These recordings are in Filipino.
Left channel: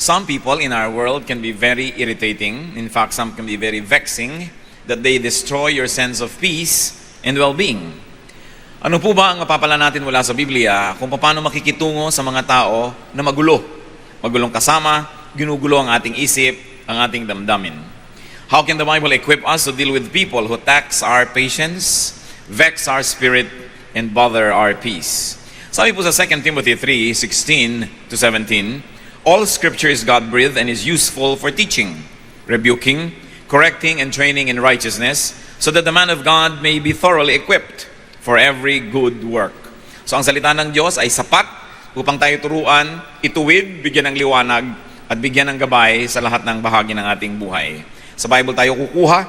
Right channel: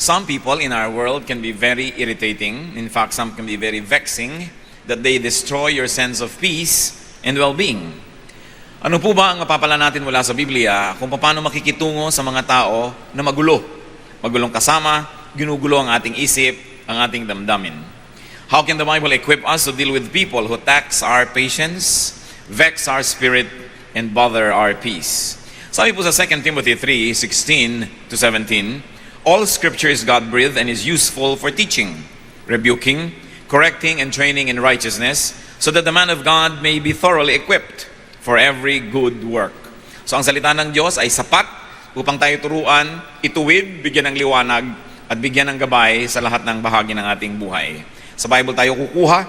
Some people in our world can be very irritating. In fact, some can be very vexing that they destroy your sense of peace and well-being. Ano po ba ang mapapala natin mula sa Biblia kung paano makikitungo sa mga tao na magulo? Magulong kasama, ginugulo ang ating isip, ang ating damdamin. How can the Bible equip us to deal with people who tax our patience, vex our spirit, and bother our peace? Sabi po sa 2 Timothy 3:16 to 17, all scripture is God-breathed and is useful for teaching, rebuking, correcting, and training in righteousness, so that the man of God may be thoroughly equipped for every good work. So ang salita ng Diyos ay sapat upang tayo turuan, ituwid, bigyan ng liwanag, at bigyan ng gabay sa lahat ng bahagi ng ating buhay. Sa Bible tayo kukuha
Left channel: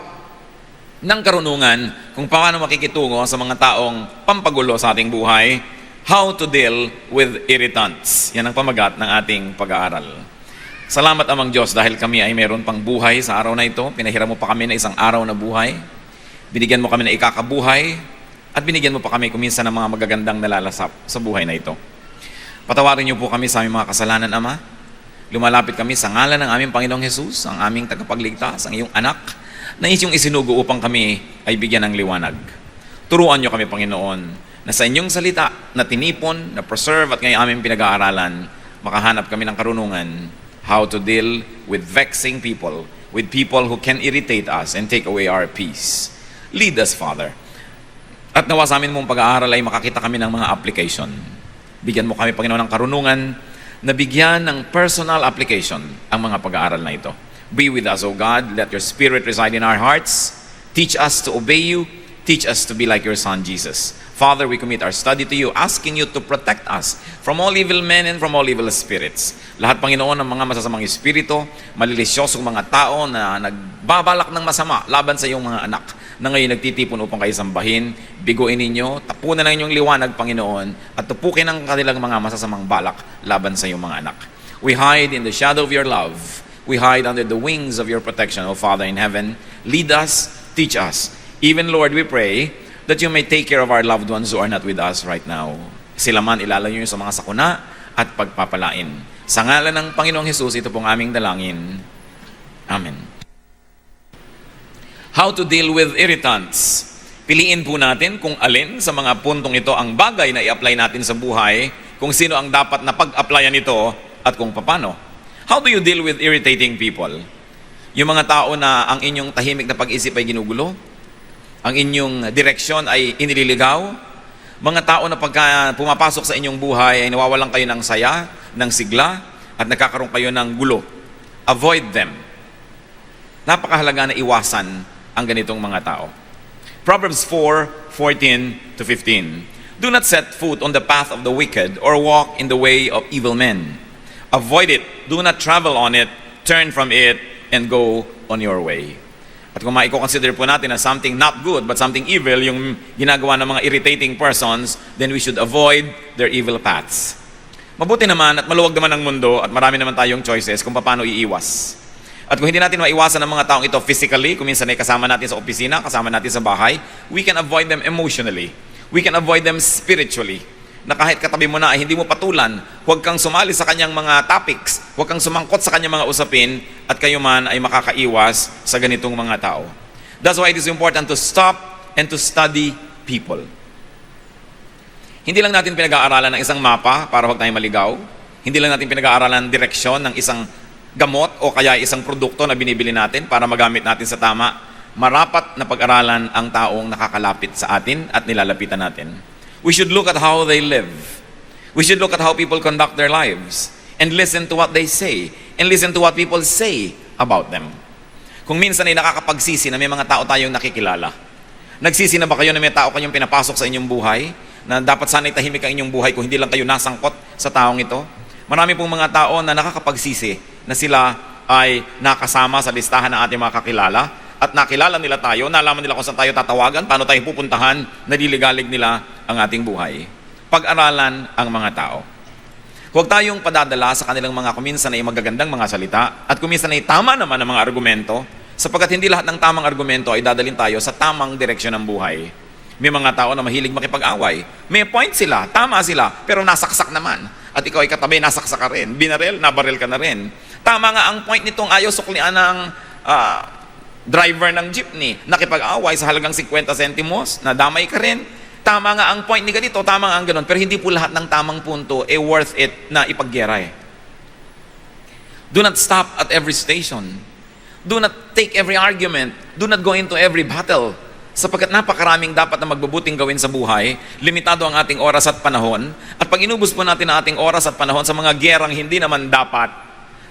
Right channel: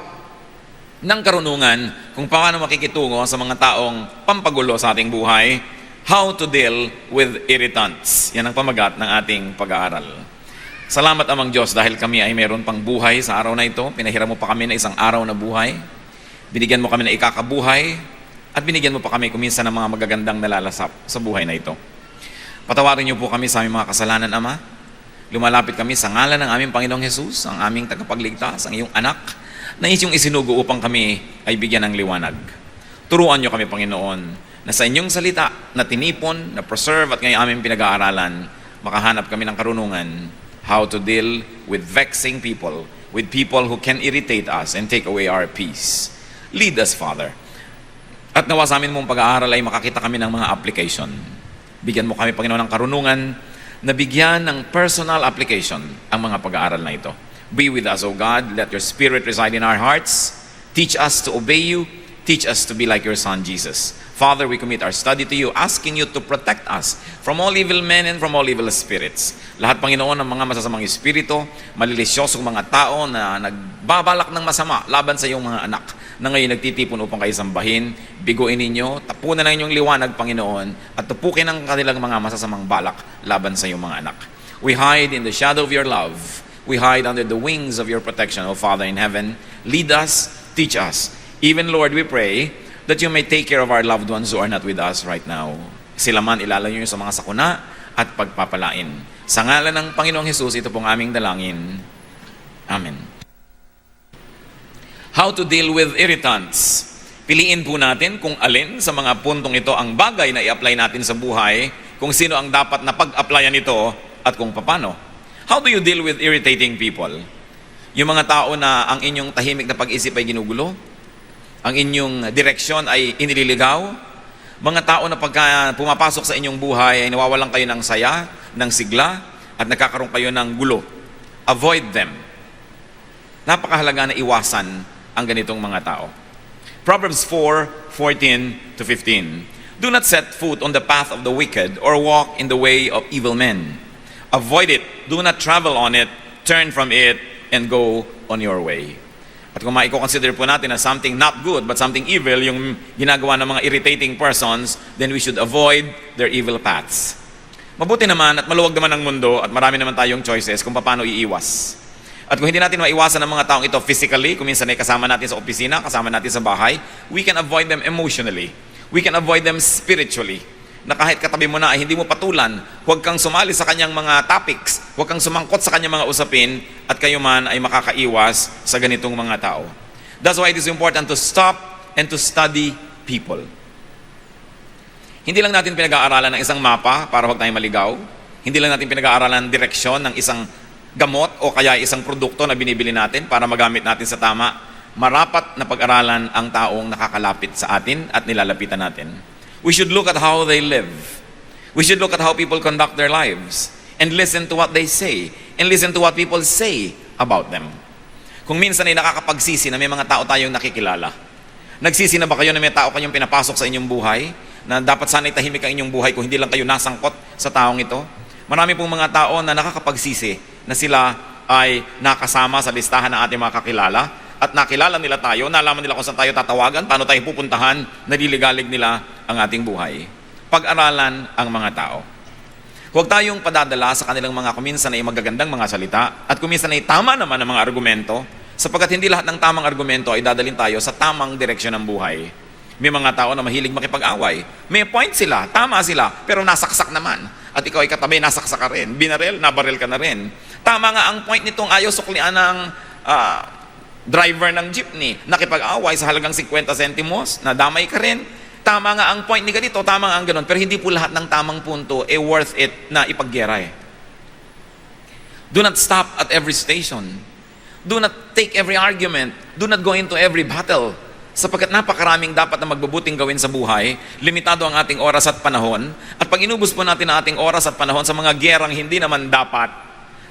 ng karunungan kung paano makikitungo sa mga taong pampagulo sa ating buhay, how to deal with irritants. Yan ang pamagat ng ating pag-aaral. Salamat amang Diyos dahil kami ay mayroon pang buhay sa araw na ito. Pinahiram mo pa kami ng isang araw na buhay. Binigyan mo kami ng ikakabuhay. At binigyan mo pa kami kuminsan ng mga magagandang nalalasap sa buhay na ito. Patawarin niyo po kami sa aming mga kasalanan, Ama. Lumalapit kami sa ngalan ng aming Panginoong Jesus, ang aming tagapagligtas, ang iyong anak, na isyong isinugo upang kami ay bigyan ng liwanag. Turuan niyo kami, Panginoon, na sa inyong salita na tinipon, na preserve at ngayon aming pinag-aaralan, makahanap kami ng karunungan how to deal with vexing people, with people who can irritate us and take away our peace. Lead us, Father. At nawa sa amin mong pag-aaral ay makakita kami ng mga application. Bigyan mo kami, Panginoon, ng karunungan na bigyan ng personal application ang mga pag-aaral na ito. Be with us, O God. Let your Spirit reside in our hearts. Teach us to obey you. Teach us to be like your Son, Jesus. Father, we commit our study to you, asking you to protect us from all evil men and from all evil spirits. Lahat, Panginoon, ng mga masasamang espiritu, malilisyosong mga tao na nagbabalak ng masama laban sa iyong mga anak, na ngayon nagtitipon upang kayo sambahin, biguin ninyo, tapunan ang inyong liwanag, Panginoon, at tapukin ang kanilang mga masasamang balak laban sa iyong mga anak. We hide in the shadow of your love. We hide under the wings of your protection, O Father in heaven. Lead us, teach us. Even, Lord, we pray that you may take care of our loved ones who are not with us right now. Sila man ilalayo sa mga sakuna at pagpapalain. Sa ngalan ng Panginoong Jesus, ito pong aming dalangin. Amen. How to deal with irritants. Piliin po natin kung alin sa mga puntong ito ang bagay na i-apply natin sa buhay, kung sino ang dapat na pag-applyan ito, at kung paano. How do you deal with irritating people? Yung mga tao na ang inyong tahimik na pag-isip ay ginugulo, ang inyong direksyon ay inililigaw, mga tao na pagka pumapasok sa inyong buhay ay nawawalan kayo ng saya, ng sigla, at nagkakaroon kayo ng gulo. Avoid them. Napakahalaga na iwasan ang ganitong mga tao. Proverbs 4:14 to 15. Do not set foot on the path of the wicked or walk in the way of evil men. Avoid it. Do not travel on it. Turn from it and go on your way. At kung maiko-consider po natin na something not good but something evil yung ginagawa ng mga irritating persons, then we should avoid their evil paths. Mabuti naman at maluwag naman ang mundo at marami naman tayong choices kung paano iiwas. At kung hindi natin maiwasan ang mga taong ito physically, kung minsan ay kasama natin sa opisina, kasama natin sa bahay, we can avoid them emotionally. We can avoid them spiritually. Na kahit katabi mo na ay hindi mo patulan, huwag kang sumali sa kanyang mga topics, huwag kang sumangkot sa kanyang mga usapin, at kayo man ay makakaiwas sa ganitong mga tao. That's why it is important to stop and to study people. Hindi lang natin pinag-aaralan ng isang mapa para huwag tayong maligaw. Hindi lang natin pinag-aaralan ng direksyon ng isang gamot o kaya isang produkto na binibili natin para magamit natin sa tama. Marapat na pag-aralan ang taong nakakalapit sa atin at nilalapitan natin. We should look at how they live. We should look at how people conduct their lives and listen to what they say and listen to what people say about them. Kung minsan ay nakakapagsisi na may mga tao tayong nakikilala. Nagsisi na ba kayo na may tao kayong pinapasok sa inyong buhay na dapat sana'y tahimik ang inyong buhay kung hindi lang kayo nasangkot sa taong ito? Marami pong mga tao na nakakapagsisi na sila ay nakasama sa listahan ng ating mga kakilala at nakilala nila tayo, nalaman nila kung saan tayo tatawagan, paano tayong pupuntahan, naliligalig nila ang ating buhay. Pag-aralan ang mga tao. Huwag tayong padadala sa kanilang mga kuminsan ay magagandang mga salita at kuminsan ay tama naman ang mga argumento sapagkat hindi lahat ng tamang argumento ay dadalhin tayo sa tamang direksyon ng buhay. May mga tao na mahilig makipag-away. May point sila, tama sila, pero nasaksak naman. At ikaw ay katabi, nasaksak ka rin. Binaril, nabaril ka na rin. Tama nga ang point nitong ayaw suklian ng driver ng jeepney. Nakipag-away sa halagang 50 centimos, nadamay ka rin. Tama nga ang point ni ganito, tama nga ang ganon. Pero hindi po lahat ng tamang punto worth it na ipaggera. Do not stop at every station. Do not take every argument. Do not go into every battle. Sapagkat napakaraming dapat na magbubuting gawin sa buhay, limitado ang ating oras at panahon, at pag inubos po natin ang ating oras at panahon sa mga gerang hindi naman dapat,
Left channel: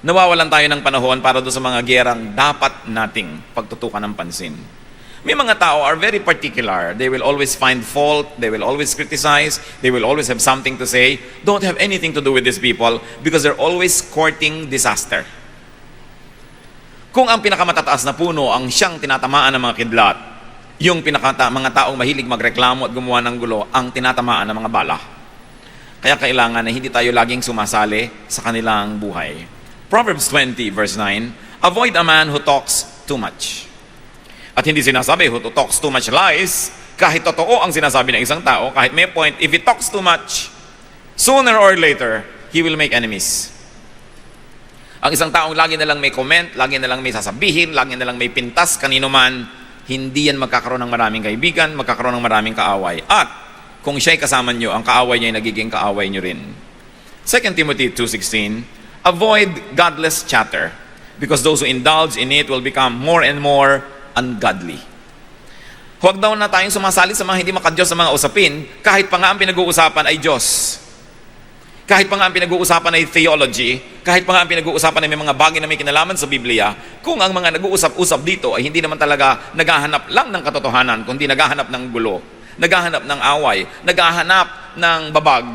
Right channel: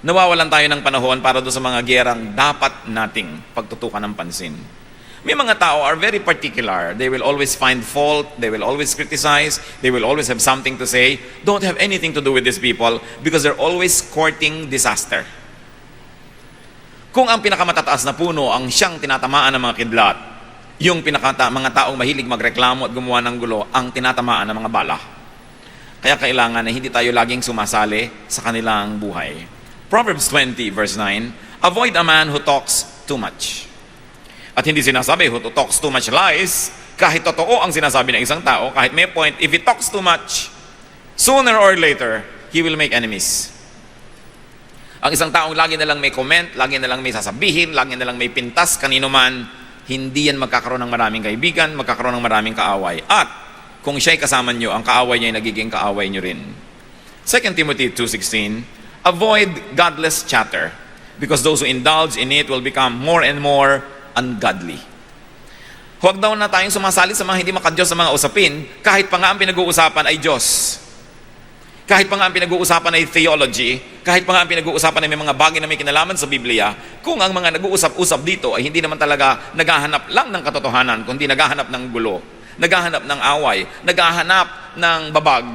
nawawalan tayo ng panahon para doon sa mga gerang dapat nating pagtutukan ng pansin. May mga tao are very particular. They will always find fault. They will always criticize. They will always have something to say. Don't have anything to do with these people because they're always courting disaster. Kung ang pinakamatataas na puno ang siyang tinatamaan ng mga kidlat, yung mga taong mahilig magreklamo at gumawa ng gulo, ang tinatamaan ng mga bala. Kaya kailangan na hindi tayo laging sumasali sa kanilang buhay. Proverbs 20 verse 9, avoid a man who talks too much. At hindi sinasabi who talks too much lies, kahit totoo ang sinasabi ng isang tao, kahit may point, if he talks too much, sooner or later, he will make enemies. Ang isang taong lagi na lang may comment, lagi na lang may sasabihin, lagi na lang may pintas, kanino man, hindi yan magkakaroon ng maraming kaibigan, magkakaroon ng maraming kaaway. At kung siya'y kasama nyo, ang kaaway niya ay nagiging kaaway nyo rin. 2 Timothy 2:16, avoid godless chatter, because those who indulge in it will become more and more ungodly. Huwag daw na tayong sumasali sa mga hindi makadiyos sa mga usapin, kahit pa nga ang pinag-uusapan ay Diyos. Kahit pa nga ang pinag-uusapan ay theology, kahit pa nga ang pinag-uusapan ay may mga bagay na may kinalaman sa Biblia, kung ang mga nag-uusap-usap dito ay hindi naman talaga naghahanap lang ng katotohanan, kundi naghahanap ng gulo, naghahanap ng away, naghahanap ng babag,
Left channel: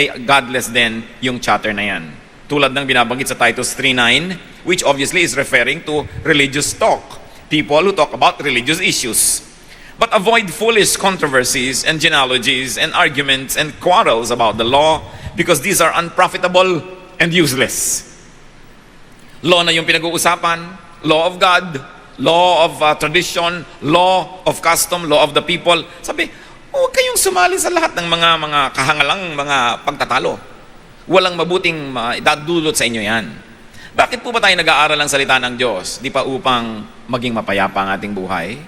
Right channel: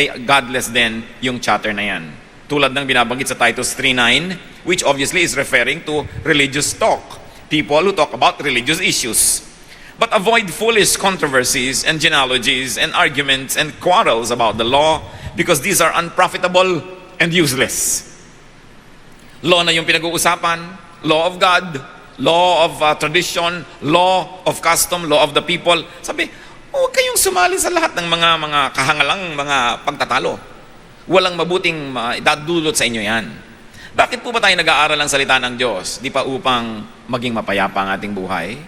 ay godless din yung chatter na yan. Tulad ng binabanggit sa Titus 3:9, which obviously is referring to religious talk. People who talk about religious issues. But avoid foolish controversies and genealogies and arguments and quarrels about the law, because these are unprofitable and useless. Law na yung pinag-uusapan, law of God, law of tradition, law of custom, law of the people. Sabi, huwag kayong sumali sa lahat ng mga kahangalang mga pagtatalo. Walang mabuting idadulot sa inyo yan. Bakit po ba tayo nag-aaral ng salita ng Diyos? Di pa upang maging mapayapa ang ating buhay?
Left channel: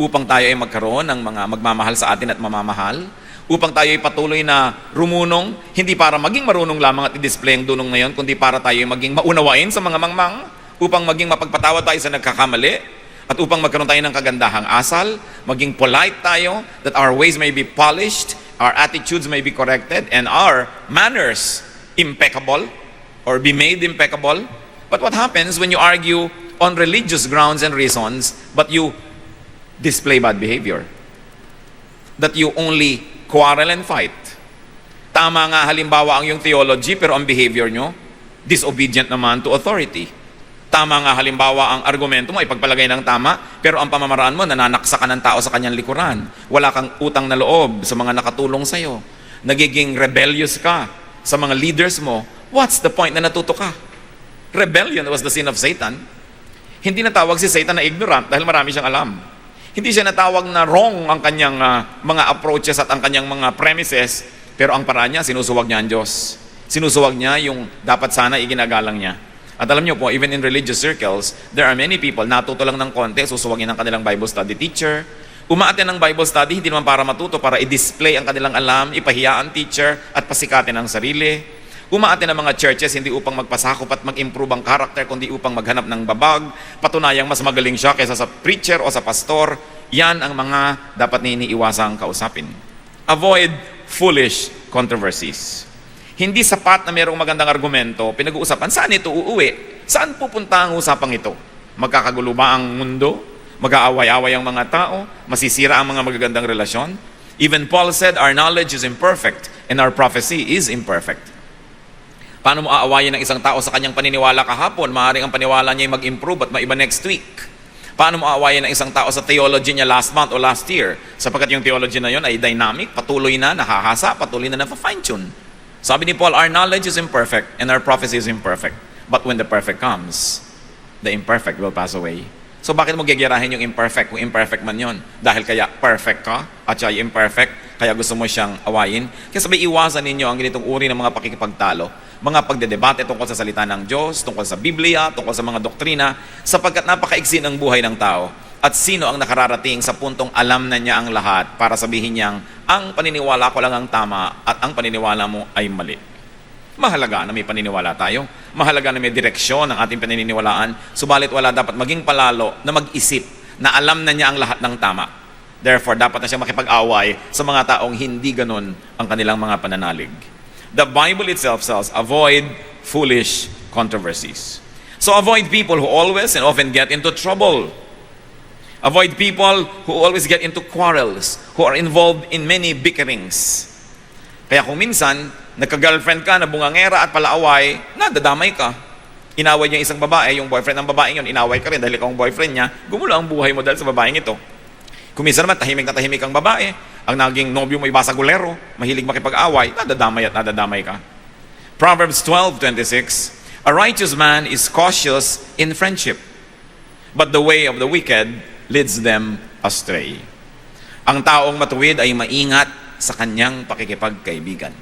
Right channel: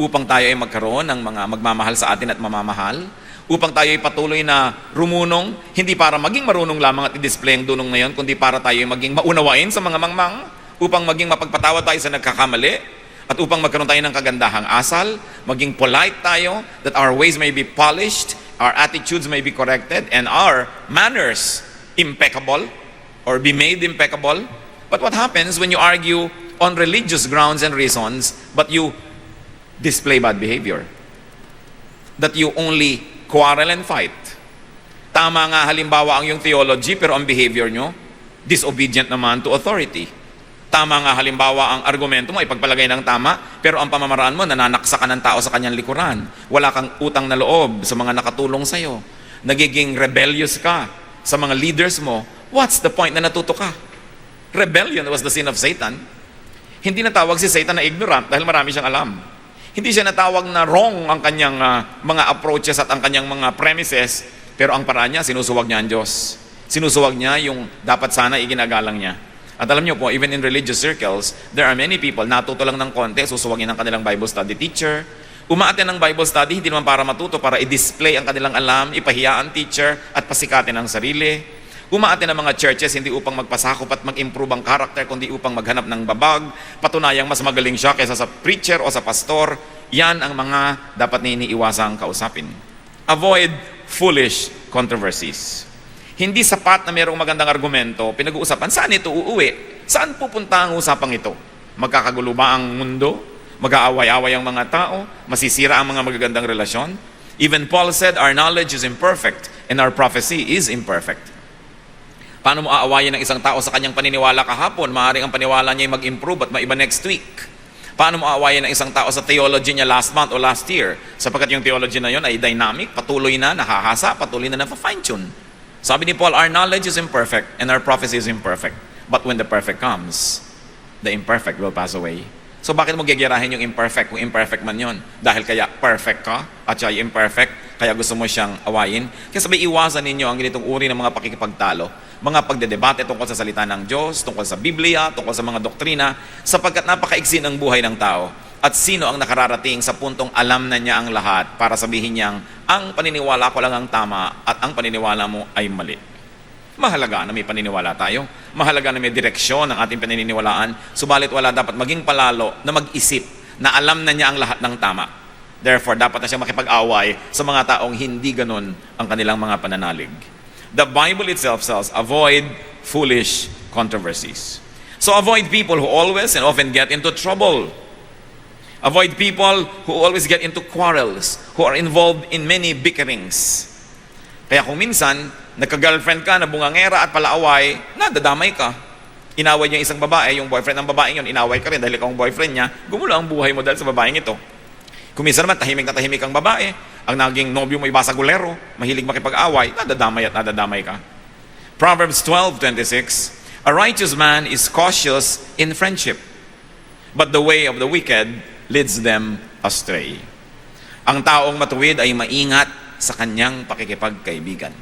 Upang tayo ay magkaroon ng mga magmamahal sa atin at mamamahal? Upang tayo ay patuloy na rumunong, hindi para maging marunong lamang at i-display ang dunong ngayon, kundi para tayo ay maging maunawain sa mga mangmang, upang maging mapagpatawad tayo sa nagkakamali, at upang magkaroon tayo ng kagandahang asal, maging polite tayo, that our ways may be polished, our attitudes may be corrected, and our manners impeccable, or be made impeccable. But what happens when you argue on religious grounds and reasons, but you display bad behavior? That you only quarrel and fight. Tama nga halimbawa ang yung theology, pero ang behavior nyo, disobedient naman to authority. Tama nga halimbawa ang argumento mo, ipagpalagay ng tama, pero ang pamamaraan mo, nananaksa ka ng tao sa kanyang likuran. Wala kang utang na loob sa mga nakatulong sa'yo. Nagiging rebellious ka sa mga leaders mo. What's the point na natuto ka? Rebellion was the sin of Satan. Hindi natawag si Satan na ignorant dahil marami siyang alam. Hindi siya natawag na wrong ang kanyang mga approaches at ang kanyang mga premises, pero ang paraan niya, sinusuwag niya ang Diyos. Sinusuwag niya yung dapat sana iginagalang niya. At alam niyo po, even in religious circles, there are many people, natuto lang ng konti, susuwagin ang kanilang Bible study teacher. Umaaten ng Bible study, hindi naman para matuto, para i-display ang kanilang alam, ipahiya ang teacher, at pasikatin ang sarili. Umaaten ng mga churches, hindi upang magpasakop at mag-improve ang karakter, kundi upang maghanap ng babag, patunayang mas magaling siya kaysa sa preacher o sa pastor. Yan ang mga dapat iniiwasang kausapin. Avoid foolish controversies. Hindi sapat na mayroong magandang argumento, pinag-uusapan, saan ito uuwi? Saan pupunta ang usapang ito? Magkakagulo ba ang mundo? Mag-aaway-away ang mga tao? Masisira ang mga magagandang relasyon? Even Paul said, our knowledge is imperfect and our prophecy is imperfect. Paano mo aawayin ng isang tao sa kanyang paniniwala kahapon? Maaaring ang paniwala niya ay mag-improve at maiba next week. Paano mo aawayin ng isang tao sa theology niya last month o last year? Sapagkat yung theology na yun ay dynamic, patuloy na, nakahasa, patuloy na na-fine-tune. Sabi ni Paul, our knowledge is imperfect and our prophecy is imperfect. But when the perfect comes, the imperfect will pass away. So bakit mo gagirahin yung imperfect kung imperfect man yun? Dahil kaya perfect ka at siya imperfect, kaya gusto mo siyang awayin? Kaya sabay iwasan ninyo ang ganitong uri ng mga pakikipagtalo, mga pagdedebate tungkol sa salita ng Diyos, tungkol sa Biblia, tungkol sa mga doktrina, sapagkat napakaiksi ng buhay ng tao. At sino ang nakararating sa puntong alam na niya ang lahat para sabihin niyang, ang paniniwala ko lang ang tama at ang paniniwala mo ay mali. Mahalaga na may paniniwala tayo. Mahalaga na may direksyon ang ating paniniwalaan. Subalit wala dapat maging palalo na mag-isip na alam na niya ang lahat ng tama. Therefore, dapat na siya makipag-away sa mga taong hindi ganon ang kanilang mga pananalig. The Bible itself says, avoid foolish controversies. So avoid people who always and often get into trouble. Avoid people who always get into quarrels, who are involved in many bickerings. Kaya kung minsan, nagka-girlfriend ka na bungangera at palaaway, nadadamay ka. Inaway niya isang babae, yung boyfriend ng babae yun, inaway ka rin dahil ikaw ang boyfriend niya, gumulo ang buhay mo dahil sa babaeng ito. Kung minsan naman, tahimik kang babae, ang naging nobyo mo iba sa gulero, mahilig makipag-away, nadadamay ka. Proverbs 12:26, a righteous man is cautious in friendship, but the way of the wicked leads them astray. Ang taong matuwid ay maingat sa kanyang pakikipagkaibigan.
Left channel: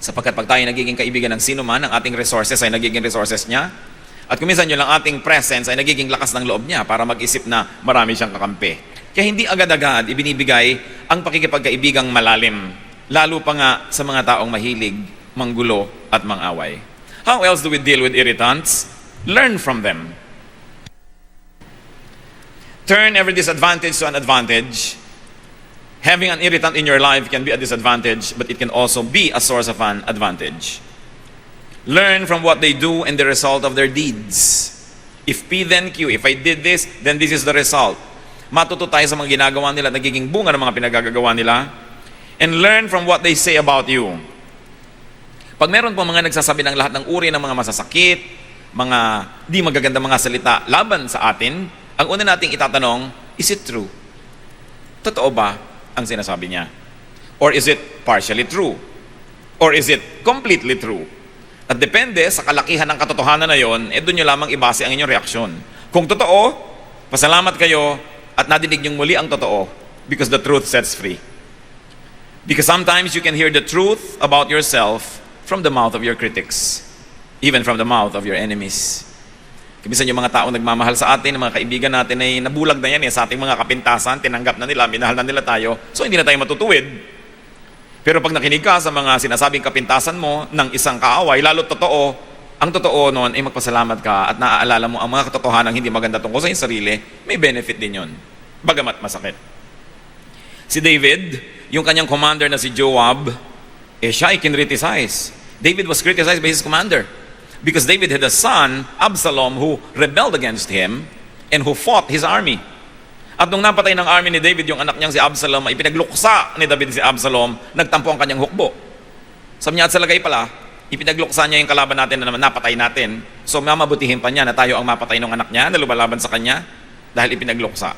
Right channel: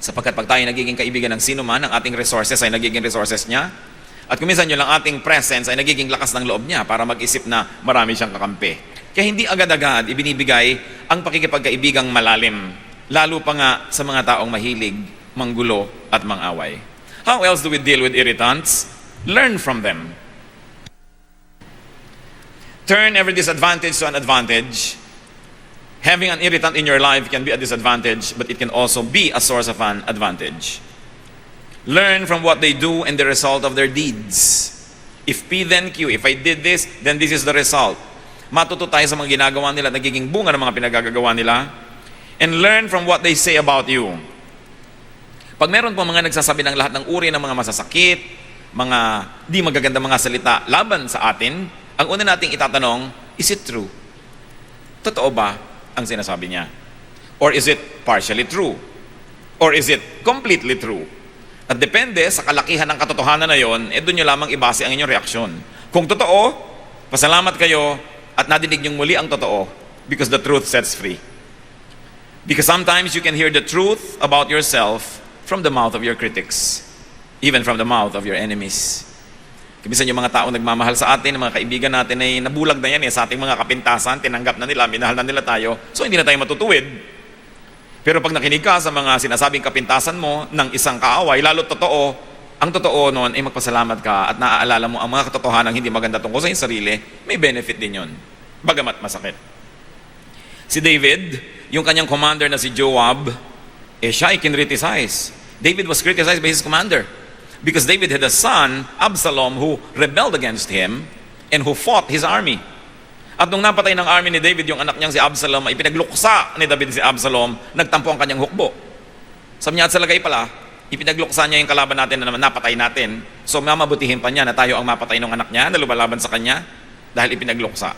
Sapagkat pag tayo nagiging kaibigan ng sino man, ang ating resources ay nagiging resources niya. At kuminsan yun lang ating presence ay nagiging lakas ng loob niya para mag-isip na marami siyang kakampi. Kaya hindi agad-agad ibinibigay ang pakikipagkaibigang malalim. Lalo pa nga sa mga taong mahilig, manggulo at mangaway. How else do we deal with irritants? Learn from them. Turn every disadvantage to an advantage. Having an irritant in your life can be a disadvantage, but it can also be a source of an advantage. Learn from what they do and the result of their deeds. If P then Q, if I did this, then this is the result. Matuto tayo sa mga ginagawa nila, nagiging bunga ng mga pinagagagawa nila. And learn from what they say about you. Pag meron po mga nagsasabi ng lahat ng uri ng mga masasakit, mga di magaganda mga salita laban sa atin, ang una nating itatanong, is it true? Totoo ba ang sinasabi niya? Or is it partially true? Or is it completely true? At depende sa kalakihan ng katotohanan na yon, doon nyo lamang ibase ang inyong reaksyon. Kung totoo, pasalamat kayo at nadinig niyong muli ang totoo because the truth sets free. Because sometimes you can hear the truth about yourself from the mouth of your critics, even from the mouth of your enemies. Kimisan yung mga tao nagmamahal sa atin, mga kaibigan natin ay nabulag na yan sa ating mga kapintasan, tinanggap na nila, minahal na nila tayo, so hindi na tayo matutuwid. Pero pag nakinig ka sa mga sinasabing kapintasan mo ng isang kaaway, lalo totoo, ang totoo noon ay magpasalamat ka at naaalala mo ang mga katotohanan hindi maganda tungkol sa iyong sarili, may benefit din yun. Bagamat masakit. Si David, yung kanyang commander na si Joab, siya ay kinriticize. David was criticized by his commander. Because David had a son, Absalom, who rebelled against him and who fought his army. At nung napatay ng army ni David, yung anak niyang si Absalom, ay pinagluksa ni David si Absalom, nagtampo ang kanyang hukbo. Sabi niya at sa lagay pala, ipinagluksa niya yung kalaban natin na naman napatay natin. So mamabutihin pa niya na tayo ang mapatay ng anak niya na lumalaban sa kanya dahil ipinagluksa.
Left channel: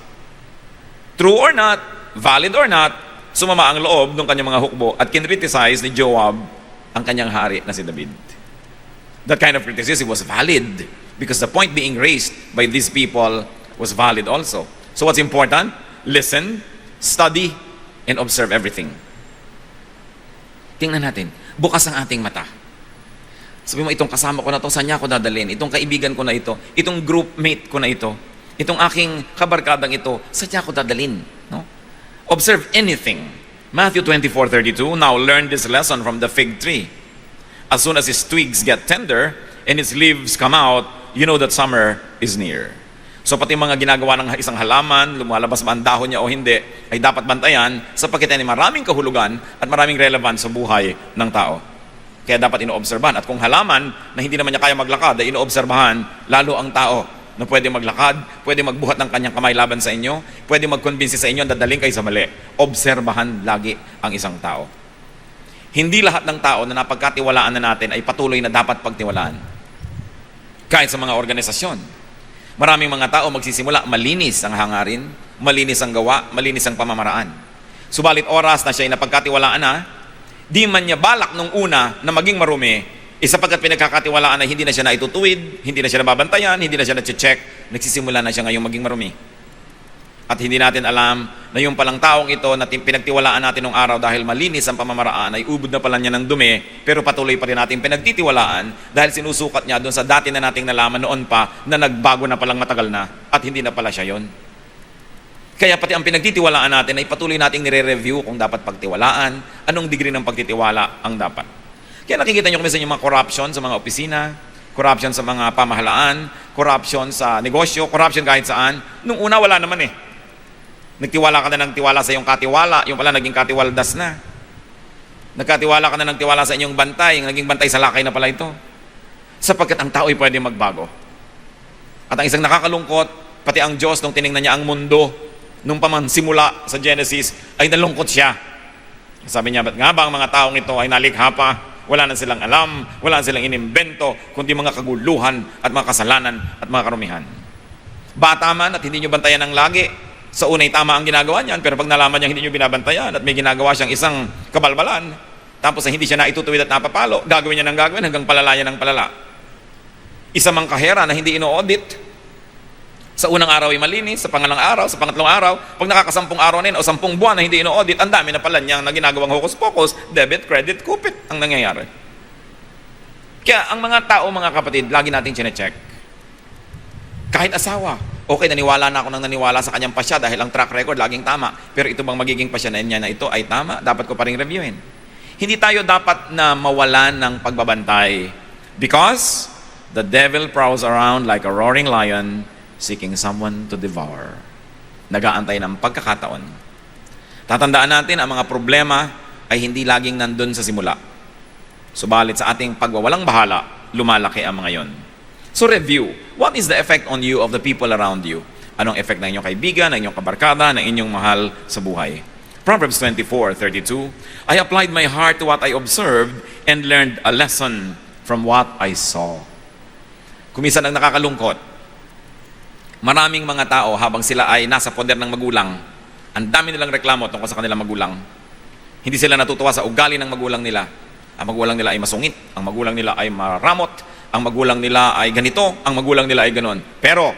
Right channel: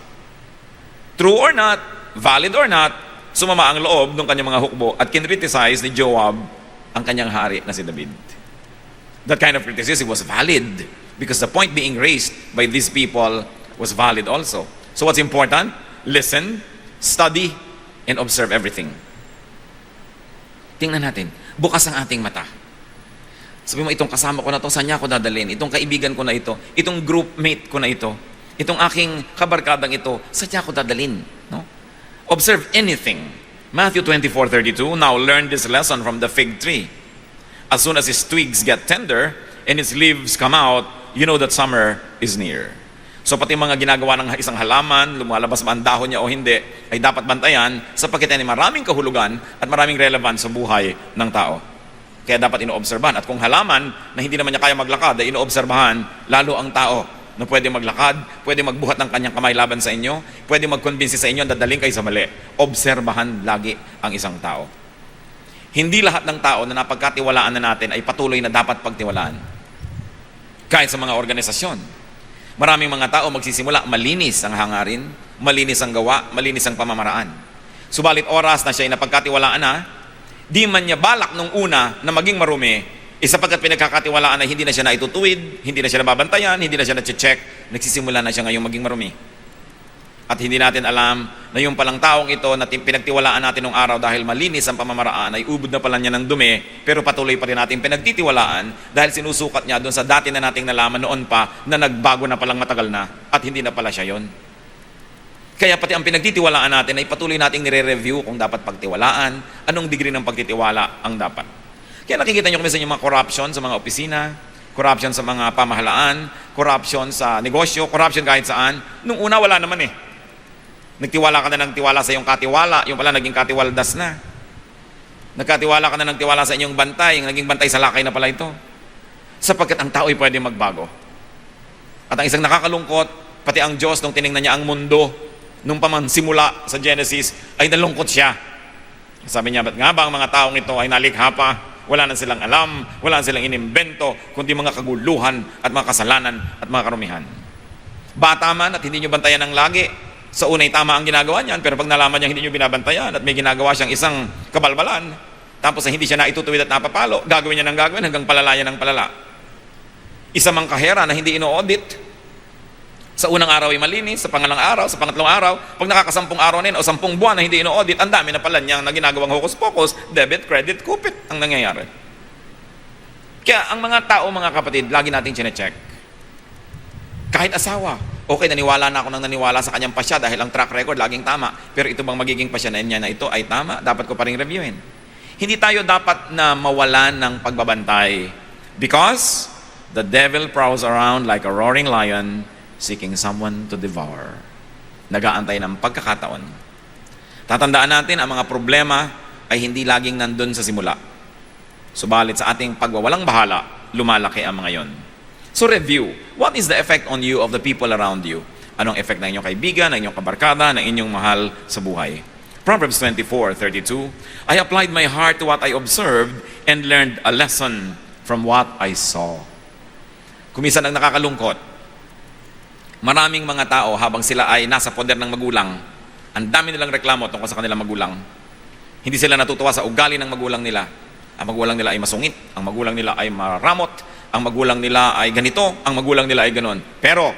True or not, valid or not, sumama ang loob ng kanyang mga hukbo at kinriticize ni Joab ang kanyang hari na si David. That kind of criticism was valid because the point being raised by these people was valid also. So what's important? Listen, study, and observe everything. Tingnan natin. Bukas ang ating mata. Sabi mo, itong kasama ko na to, saan niya ako dadalhin? Itong kaibigan ko na ito. Itong groupmate ko na ito. Itong aking kabarkadang ito, saan niya ako dadalhin? No? Observe anything. Matthew 24:32, now learn this lesson from the fig tree. As soon as its twigs get tender and its leaves come out, you know that summer is near. So pati mga ginagawa ng isang halaman, lumalabas ba ang dahon niya o hindi, ay dapat bantayan sapagkat ay maraming kahulugan at maraming relevance sa buhay ng tao. Kaya dapat inoobserbahan. At kung halaman na hindi naman niya kaya maglakad, ay inoobserbahan lalo ang tao na pwede maglakad, pwede magbuhat ng kanyang kamay laban sa inyo, pwede magkonbinsi sa inyo na dadaling kayo sa mali. Obserbahan lagi ang isang tao. Hindi lahat ng tao na napagkatiwalaan na natin ay patuloy na dapat pagtiwalaan. Kahit sa mga organisasyon. Maraming mga tao magsisimula, malinis ang hangarin, malinis ang gawa, malinis ang pamamaraan. Subalit oras na siya ay napagkatiwalaan na, di man niya balak nung una na maging marumi, Sapagkat pinagkakatiwalaan na hindi na siya naitutuwid, hindi na siya nababantayan, hindi na siya na-check, nagsisimula na siya ngayong maging marumi. At hindi natin alam na yung palang taong ito na pinagtiwalaan natin ng araw dahil malinis ang pamamaraan ay ubod na pala niya ng dumi, pero patuloy pa rin natin pinagtitiwalaan dahil sinusukat niya doon sa dati na nating nalaman noon pa na nagbago na palang matagal na at hindi na pala siya yun. Kaya pati ang pinagtitiwalaan natin ay patuloy nating nire-review kung dapat pagtiwalaan, anong degree ng pagtitiwala ang dapat. Kaya nakikita nyo kung minsan yung mga corruption sa mga opisina, corruption sa mga pamahalaan, corruption sa negosyo, corruption kahit saan. Nung una wala naman eh. Nagtiwala ka na ng tiwala sa iyong katiwala, yung pala naging katiwaldas na. Nagkatiwala ka na ng tiwala sa inyong bantay, yung naging bantay sa lakay na pala ito. Sapagkat ang tao ay pwede magbago. At ang isang nakakalungkot, pati ang Diyos nung tinignan niya ang mundo, nung paman simula sa Genesis, ay nalungkot siya. Sabi niya, ba't nga ba ang mga taong ito ay nalikha pa? Wala na silang alam, wala na silang inimbento, kundi mga kaguluhan at mga kasalanan at mga karumihan. Bata man at hindi nyo bantayan ng lagi. Sa unay tama ang ginagawa niyan, pero pag nalaman niya hindi nyo binabantayan at may ginagawa siyang isang kabalbalan, tapos hindi siya naitutuwid at napapalo, gagawin niya ng gagawin hanggang palala niya ng palala. Isa mang kahera na hindi ino-audit, sa unang araw ay malinis, sa pangalang araw, sa pangatlong araw, pag nakakasampung araw na yun o 10 buwan na hindi ino-audit, ang dami na pala niyang na ginagawang hocus-pocus, debit, credit, kupit ang nangyayari. Kaya ang mga tao, mga kapatid, lagi nating chinecheck. Kahit asawa, okay, naniwala na ako nang naniwala sa kanyang pasya dahil ang track record laging tama. Pero ito bang magiging pasya na niya na ito ay tama? Dapat ko pa rin reviewin. Hindi tayo dapat na mawala ng pagbabantay because the devil prowls around like a roaring lion seeking someone to devour. Nag-aantay ng pagkakataon. Tatandaan natin, ang mga problema ay hindi laging nandun sa simula. Subalit sa ating pagwawalang bahala, lumalaki ang mga yon. So review, what is the effect on you of the people around you? Anong effect ng inyong kaibigan, ng inyong kabarkada, ng inyong mahal sa buhay? Proverbs 24:32, I applied my heart to what I observed and learned a lesson from what I saw. Kuminsan ang nakakalungkot, maraming mga tao habang sila ay nasa poder ng magulang, ang dami nilang reklamo tungkol sa kanilang magulang. Hindi sila natutuwa sa ugali ng magulang nila. Ang magulang nila ay masungit, ang magulang nila ay maramot, ang magulang nila ay ganito, ang magulang nila ay ganon. Pero,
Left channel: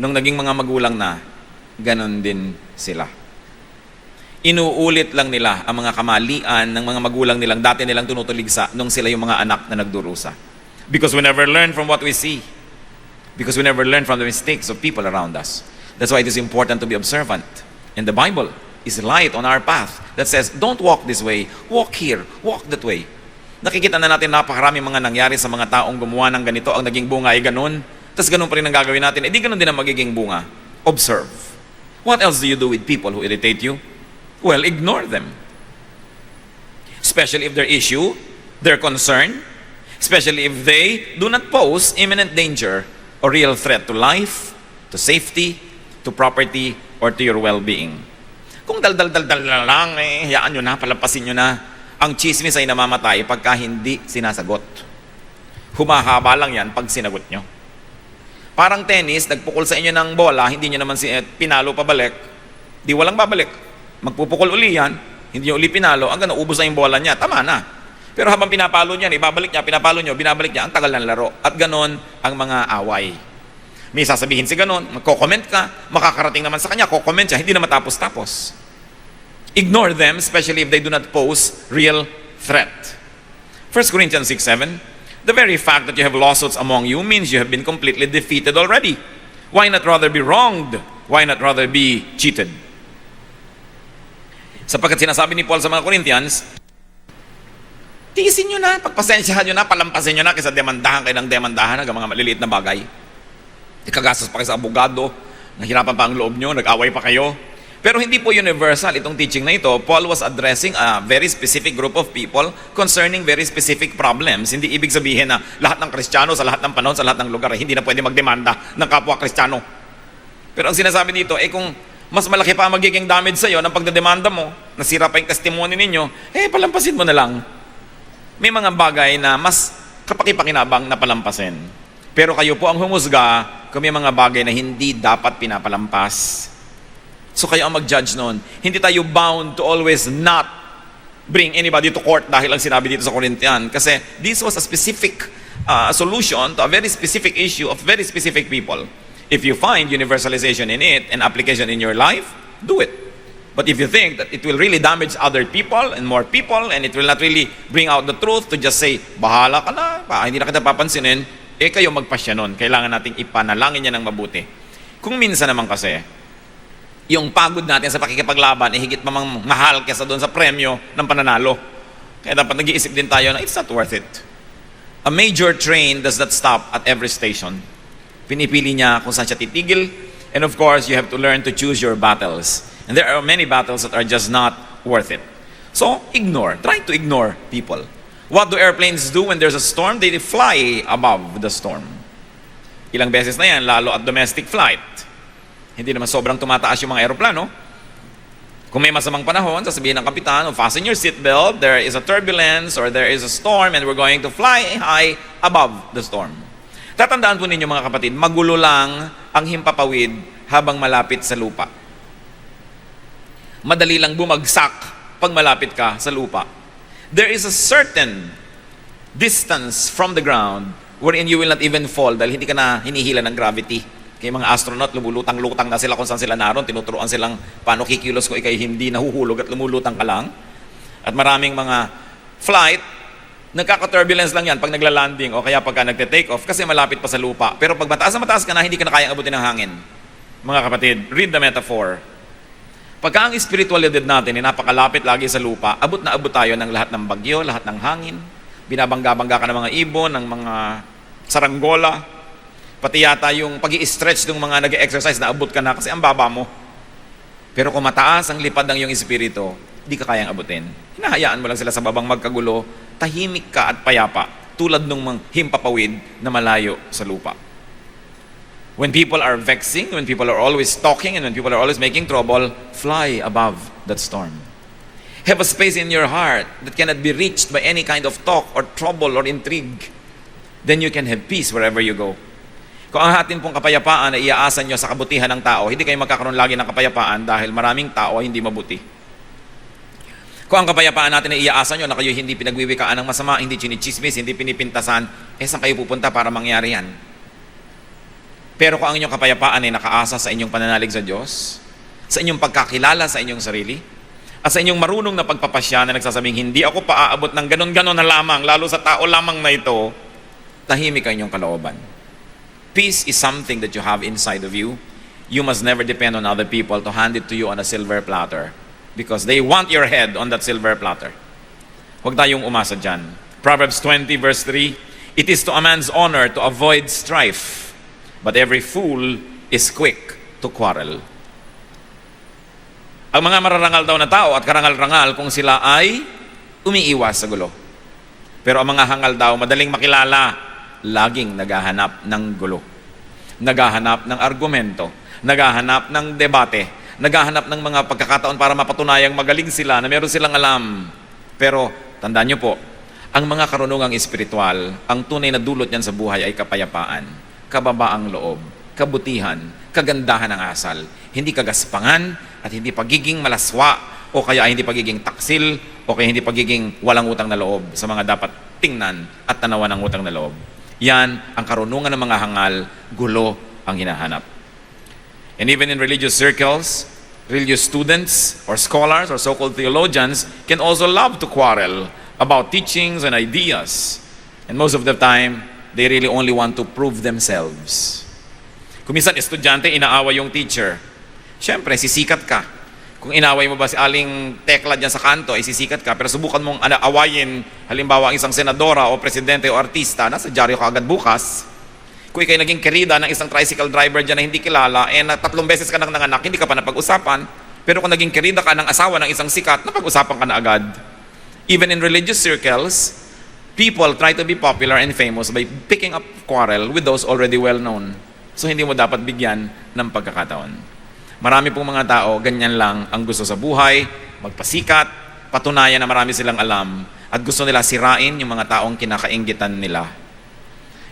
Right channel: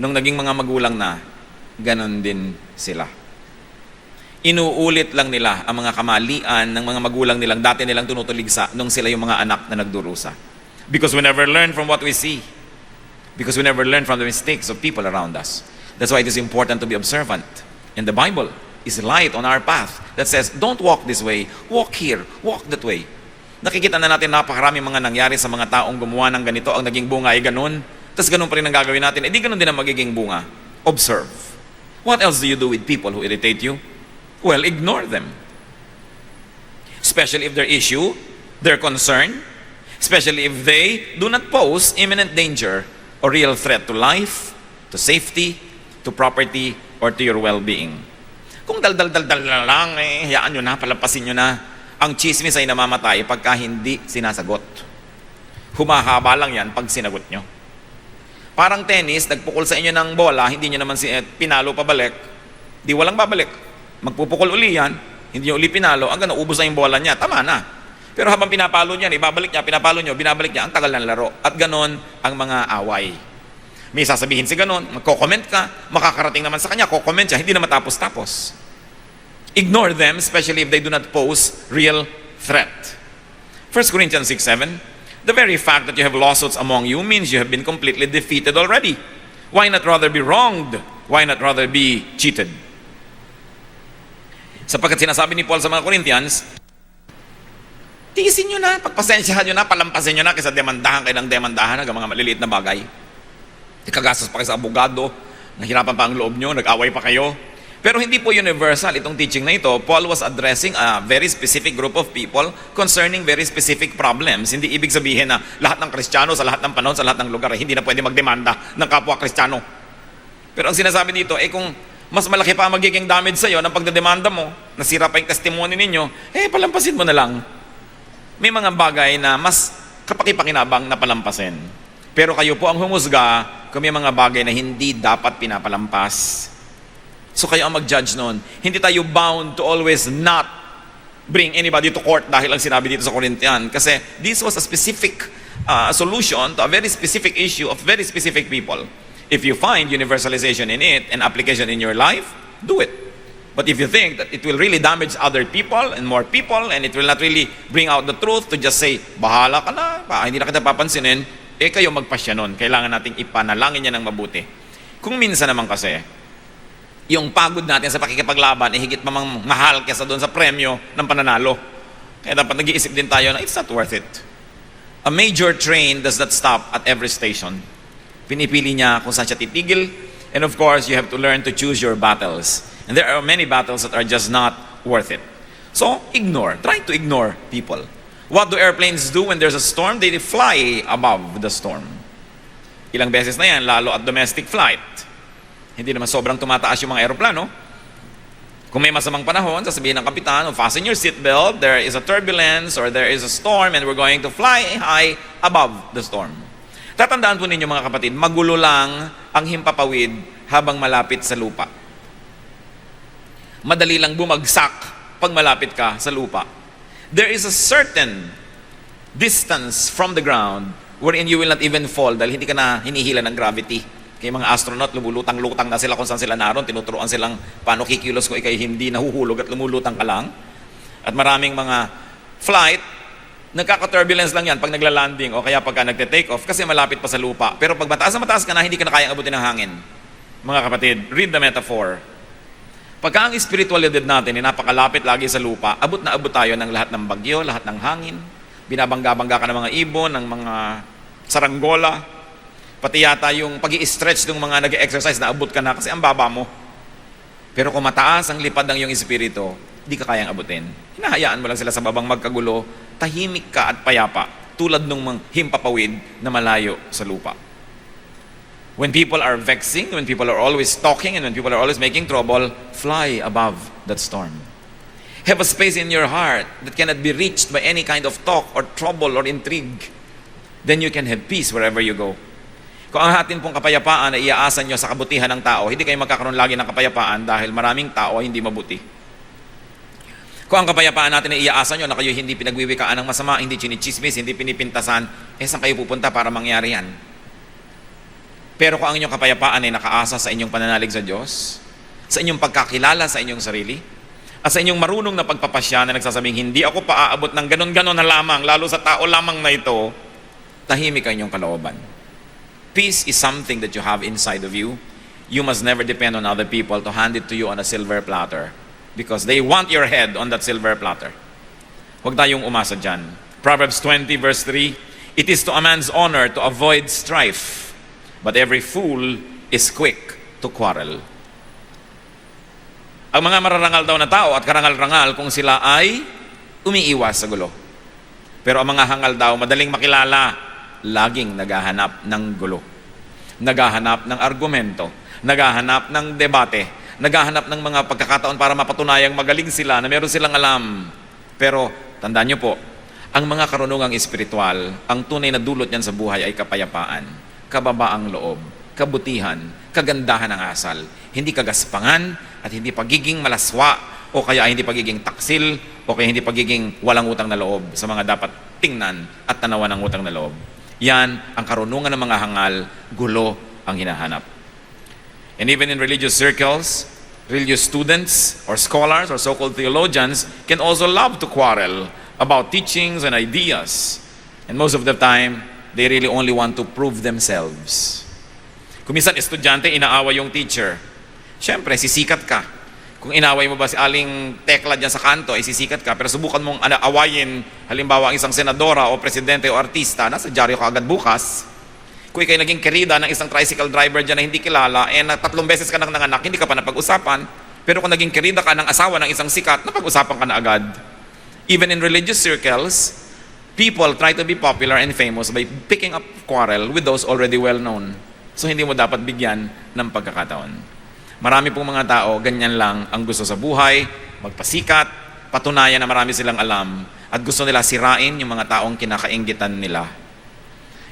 nung naging mga magulang na, ganon din sila. Inuulit lang nila ang mga kamalian ng mga magulang nilang dati nilang tinutuligsa nung sila yung mga anak na nagdurusa. Because we never learn from what we see. Because we never learn from the mistakes of people around us. That's why it is important to be observant. And the Bible is light on our path that says, don't walk this way, walk here, walk that way. Nakikita na natin napakarami mga nangyari sa mga taong gumawa ng ganito, ang naging bunga ay ganun. Tapos ganun pa rin ang gagawin natin, di ganun din ang magiging bunga. Observe. What else do you do with people who irritate you? Well, ignore them. Especially if their issue, their concern, especially if they do not pose imminent danger or real threat to life, to safety, to property, or to your well-being. Kung dal-dal-dal-dal na lang, hayaan nyo na, palampasin nyo na. Ang chismis ay namamatay pagka hindi sinasagot. Humahaba lang yan pag sinagot nyo. Parang tennis, nagpukol sa inyo ng bola, hindi nyo naman si Ed pinalo pabalik, di walang babalik. Magpupukol uli yan, hindi nyo uli pinalo, hanggang naubos na yung bola niya, tama na. Pero habang pinapalo niya, ibabalik niya, pinapalo niyo, binabalik niya, ang tagal ng laro. At ganon ang mga away. May sasabihin si ganon, magko-comment ka, makakarating naman sa kanya, ko-comment siya, hindi na matapos-tapos. Ignore them, especially if they do not pose real threat. 1 Corinthians 6:7, the very fact that you have lawsuits among you means you have been completely defeated already. Why not rather be wronged? Why not rather be cheated? Sapagkat sinasabi ni Paul sa mga Corinthians, tiisin nyo na, pagpasensyahan nyo na, palampasin nyo na kaysa demandahan kayo ng demandahan hanggang mga maliliit na bagay. Ikagastos pa kayo sa abogado, nahirapan pa ang loob nyo, nag-away pa kayo. Pero hindi po universal itong teaching na ito. Paul was addressing a very specific group of people concerning very specific problems. Hindi ibig sabihin na lahat ng Kristiyano sa lahat ng panahon, sa lahat ng lugar, hindi na pwede magdemanda ng kapwa Kristiyano. Pero ang sinasabi dito, kung mas malaki pa magiging damage sa'yo ng pagdedemanda mo, nasira pa yung testimony ninyo, palampasin mo na lang. May mga bagay na mas kapakipakinabang na palampasin. Pero kayo po ang humusga kung may mga bagay na hindi dapat pinapalampas. So kayo ang mag-judge noon. Hindi tayo bound to always not bring anybody to court dahil lang sinabi dito sa Corinthian. Kasi this was a specific solution to a very specific issue of very specific people. If you find universalization in it and application in your life, do it. But if you think that it will really damage other people and more people and it will not really bring out the truth to just say, bahala ka na, hindi na kita papansinin, kayo magpasya nun. Kailangan nating ipanalangin niya ng mabuti. Kung minsan naman kasi, yung pagod natin sa pakikipaglaban higit mamang mahal kaysa doon sa premyo ng pananalo. Kaya dapat nag-iisip din tayo na it's not worth it. A major train does not stop at every station. Pinipili niya kung saan siya titigil. And of course, you have to learn to choose your battles. And there are many battles that are just not worth it. So, ignore. Try to ignore people. What do airplanes do when there's a storm? They fly above the storm. Ilang beses na yan, lalo at domestic flight. Hindi naman sobrang tumataas yung mga aeroplano. Kung may masamang panahon, sasabihin ng kapitan, fasten your seatbelt, there is a turbulence or there is a storm and we're going to fly high above the storm. Tatandaan po ninyo mga kapatid, magulo lang ang himpapawid habang malapit sa lupa. Madali lang bumagsak pag malapit ka sa lupa. There is a certain distance from the ground wherein you will not even fall dahil hindi ka na hinihila ng gravity. Kaya mga astronaut, lumulutang-lutang na sila kung saan sila naroon, tinuturuan silang paano kikilos ko, ikay hindi nahuhulog at lumulutang ka lang. At maraming mga flight, nagkaka-turbulence lang yan pag nagla-landing o kaya pagka nagte-take off kasi malapit pa sa lupa. Pero pag mataas na mataas ka na, hindi ka na kayang abutin ng hangin. Mga kapatid, read the metaphor. Pagka ang spiritualidad natin ay napakalapit lagi sa lupa, abot na abot tayo ng lahat ng bagyo, lahat ng hangin, binabangga-bangga ka ng mga ibon, ng mga saranggola, pati yata yung pag-i-stretch ng mga nag-exercise na abot ka na kasi ang baba mo. Pero kung mataas ang lipad ng iyong espiritu, hindi ka kayang abutin. Nahayaan mo lang sila sa babang magkagulo, tahimik ka at payapa, tulad ng mga himpapawid na malayo sa lupa. When people are vexing, when people are always talking, and when people are always making trouble, fly above that storm. Have a space in your heart that cannot be reached by any kind of talk or trouble or intrigue. Then you can have peace wherever you go. Kung ang atin pong kapayapaan ay iaasan nyo sa kabutihan ng tao, hindi kayo magkakaroon lagi ng kapayapaan dahil maraming tao hindi mabuti. Kung ang kapayapaan natin ay iaasan nyo na kayo hindi pinagwiwikaan ng masama, hindi chinichismis, hindi pinipintasan, saan kayo pupunta para mangyari yan? Pero kung ang inyong kapayapaan ay nakaasa sa inyong pananalig sa Diyos, sa inyong pagkakilala sa inyong sarili, at sa inyong marunong na pagpapasya na nagsasabing, hindi ako paaabot ng ganon-ganon na lamang, lalo sa tao lamang na ito, tahimik ang inyong kalooban. Peace is something that you have inside of you. You must never depend on other people to hand it to you on a silver platter. Because they want your head on that silver platter. Huwag tayong umasa dyan. Proverbs 20 verse 3, it is to a man's honor to avoid strife, but every fool is quick to quarrel. Ang mga mararangal daw na tao at karangal-rangal kung sila ay umiiwas sa gulo. Pero ang mga hangal daw, madaling makilala, laging naghahanap ng gulo. Naghahanap ng argumento. Naghahanap ng debate. Naghahanap ng mga pagkakataon para mapatunayang magaling sila na meron silang alam. Pero tandaan niyo po, ang mga karunungang espiritual, ang tunay na dulot niyan sa buhay ay kapayapaan, kababaang loob, kabutihan, kagandahan ng asal, hindi kagaspangan at hindi pagiging malaswa o kaya hindi pagiging taksil o kaya hindi pagiging walang utang na loob sa mga dapat tingnan at tanawan ng utang na loob. Yan ang karunungan ng mga hangal, gulo ang hinahanap. And even in religious circles, religious students or scholars or so-called theologians can also love to quarrel about teachings and ideas. And most of the time, they really only want to prove themselves. Kung minsan estudyante, inaaway yung teacher. Siyempre, sisikat ka. Kung inaway mo ba si aling tekla dyan sa kanto, sisikat ka. Pero subukan mong awayin, halimbawa, isang senadora o presidente o artista, nasa dyaryo ka agad bukas. Kung ikay naging kerida ng isang tricycle driver dyan na hindi kilala, na 3 beses ka nang nanganak, hindi ka pa napag-usapan. Pero kung naging kerida ka ng asawa ng isang sikat, napag-usapan ka na agad. Even in religious circles, people try to be popular and famous by picking up quarrel with those already well known. So hindi mo dapat bigyan ng pagkakataon. Marami pong mga tao, ganyan lang ang gusto sa buhay, magpasikat, patunayan na marami silang alam, at gusto nila sirain yung mga taong kinakainggitan nila.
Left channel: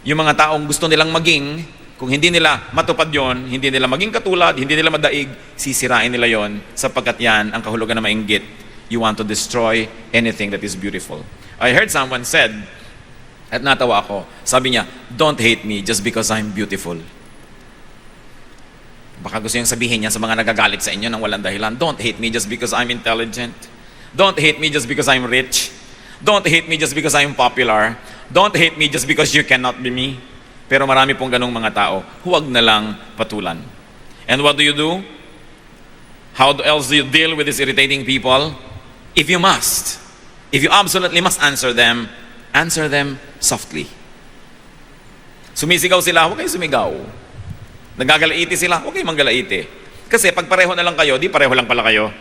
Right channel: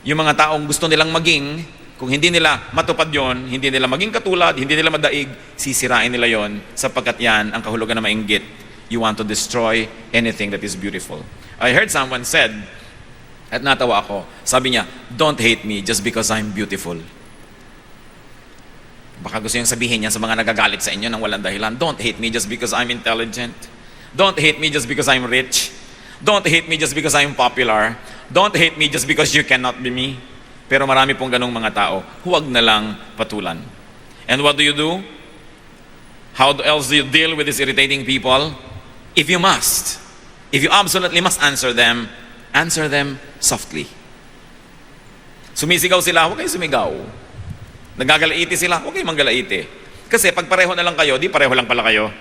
Yung mga taong gusto nilang maging, kung hindi nila matupad yon, hindi nila maging katulad, hindi nila madaig, sisirain nila yon sapagkat yan ang kahulugan na mainggit. You want to destroy anything that is beautiful. I heard someone said, at natawa ako, sabi niya, don't hate me just because I'm beautiful. Baka gusto yung sabihin niya sa mga nagagalit sa inyo nang walang dahilan, don't hate me just because I'm intelligent. Don't hate me just because I'm rich. Don't hate me just because I'm popular. Don't hate me just because you cannot be me. Pero marami pong ganong mga tao. Huwag na lang patulan. And what do? How else do you deal with these irritating people? If you absolutely must answer them softly. Sumisigaw sila, huwag kayong sumigaw. Nagagalaiti sila, huwag kayong manggalaiti. Kasi pag pareho na lang kayo, di pareho lang pala kayo.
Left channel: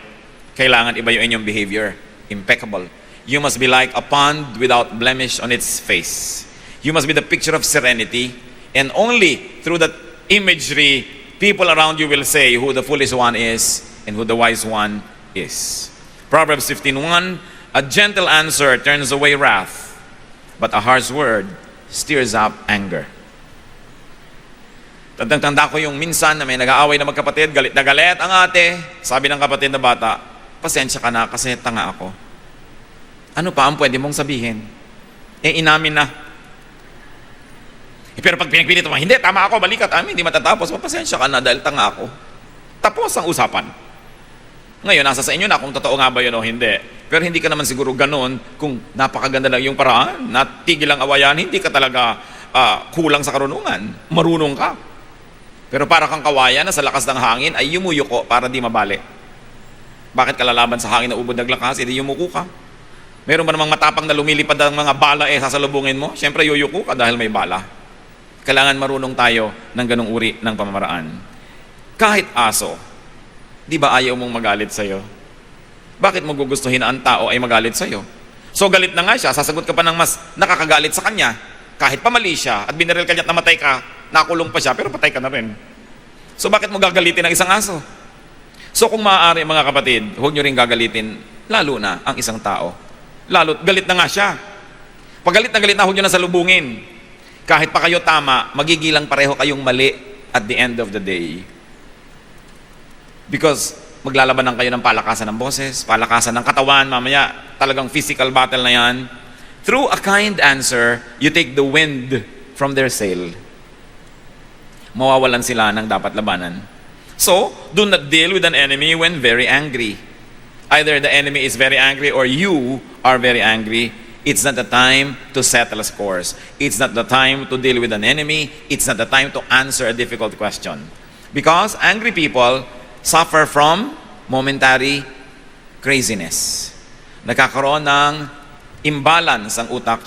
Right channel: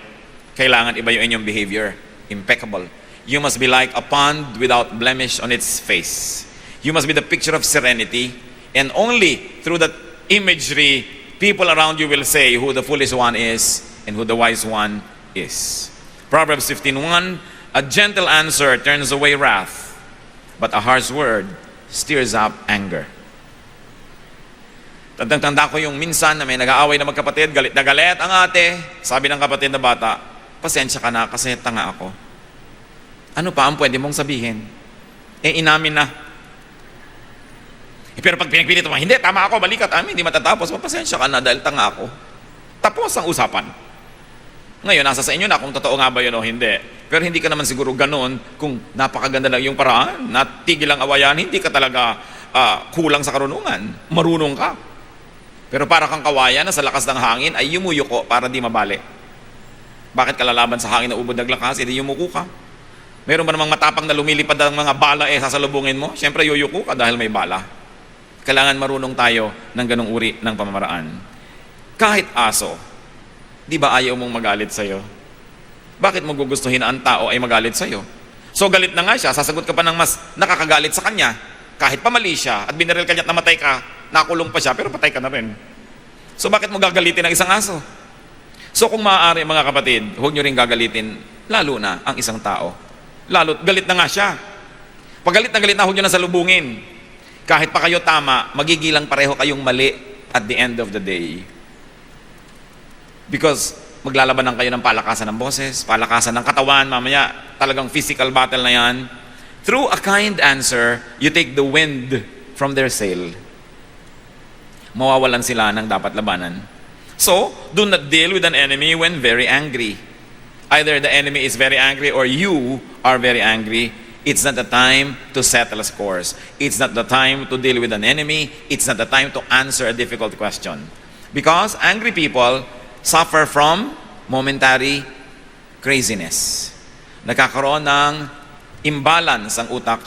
Kailangan iba yung inyong behavior. Impeccable. You must be like a pond without blemish on its face. You must be the picture of serenity. And only through that imagery, people around you will say who the foolish one is and who the wise one is. Proverbs 15:1, a gentle answer turns away wrath, but a harsh word stirs up anger. Tanda ko yung minsan na may nag-aaway na magkapatid, galit na galit ang ate. Sabi ng kapatid na bata, pasensya ka na kasi tanga ako. Ano pa ang pwede mong sabihin? Inamin na. Pero pag pinagpilit mo, hindi, tama ako, balikat, hindi matatapos. Pasensya ka na dahil tanga ako. Tapos ang usapan. Ngayon, nasa sa inyo na kung totoo nga ba yun o hindi. Pero hindi ka naman siguro ganun kung napakaganda na yung paraan, natigil ang awayan, hindi ka talaga kulang sa karunungan. Marunong ka. Pero para kang kawayan na sa lakas ng hangin ay yumuyuko para di mabali. Bakit ka lalaban sa hangin na umadaglakas, hindi yumuko ka? Meron ba namang matapang na lumilipad ang mga bala sasalubungin mo? Siyempre yuyuko ka dahil may bala. Kailangan marunong tayo ng ganong uri ng pamamaraan. Kahit aso, di ba ayaw mong magalit sa'yo? Bakit mo gugustuhin na ang tao ay magalit sa'yo? So galit na nga siya, sasagot ka pa ng mas nakakagalit sa kanya. Kahit pa mali siya at binaril ka niya at namatay ka, nakulong pa siya pero patay ka na rin. So bakit mo gagalitin ang isang aso? So kung maaari mga kapatid, huwag nyo rin gagalitin, lalo na ang isang tao. Lalo, galit na nga siya. Pag galit na, huwag nyo na salubungin. Kahit pa kayo tama, magigilang pareho kayong mali at the end of the day. Because maglalaban lang kayo ng palakasan ng boses, palakasan ng katawan, mamaya talagang physical battle na yan. Through a kind answer, you take the wind from their sail. Mawawalan sila ng dapat labanan. So, do not deal with an enemy when very angry. Either the enemy is very angry or you are very angry. It's not the time to settle scores. It's not the time to deal with an enemy. It's not the time to answer a difficult question. Because angry people suffer from momentary craziness. Nagkakaroon ng imbalance ang utak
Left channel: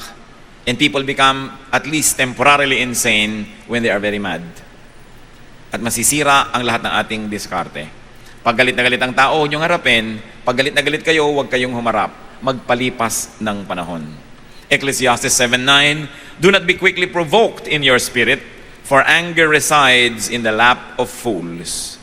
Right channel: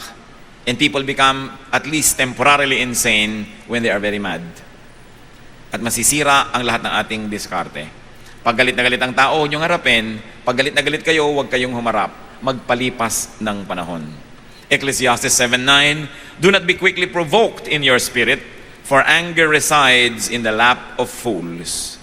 and people become at least temporarily insane when they are very mad. At masisira ang lahat ng ating diskarte. Pag galit na galit ang tao, huwag niyong harapin. Pag galit na galit kayo, huwag kayong humarap. Magpalipas ng panahon. Ecclesiastes 7:9, do not be quickly provoked in your spirit, for anger resides in the lap of fools.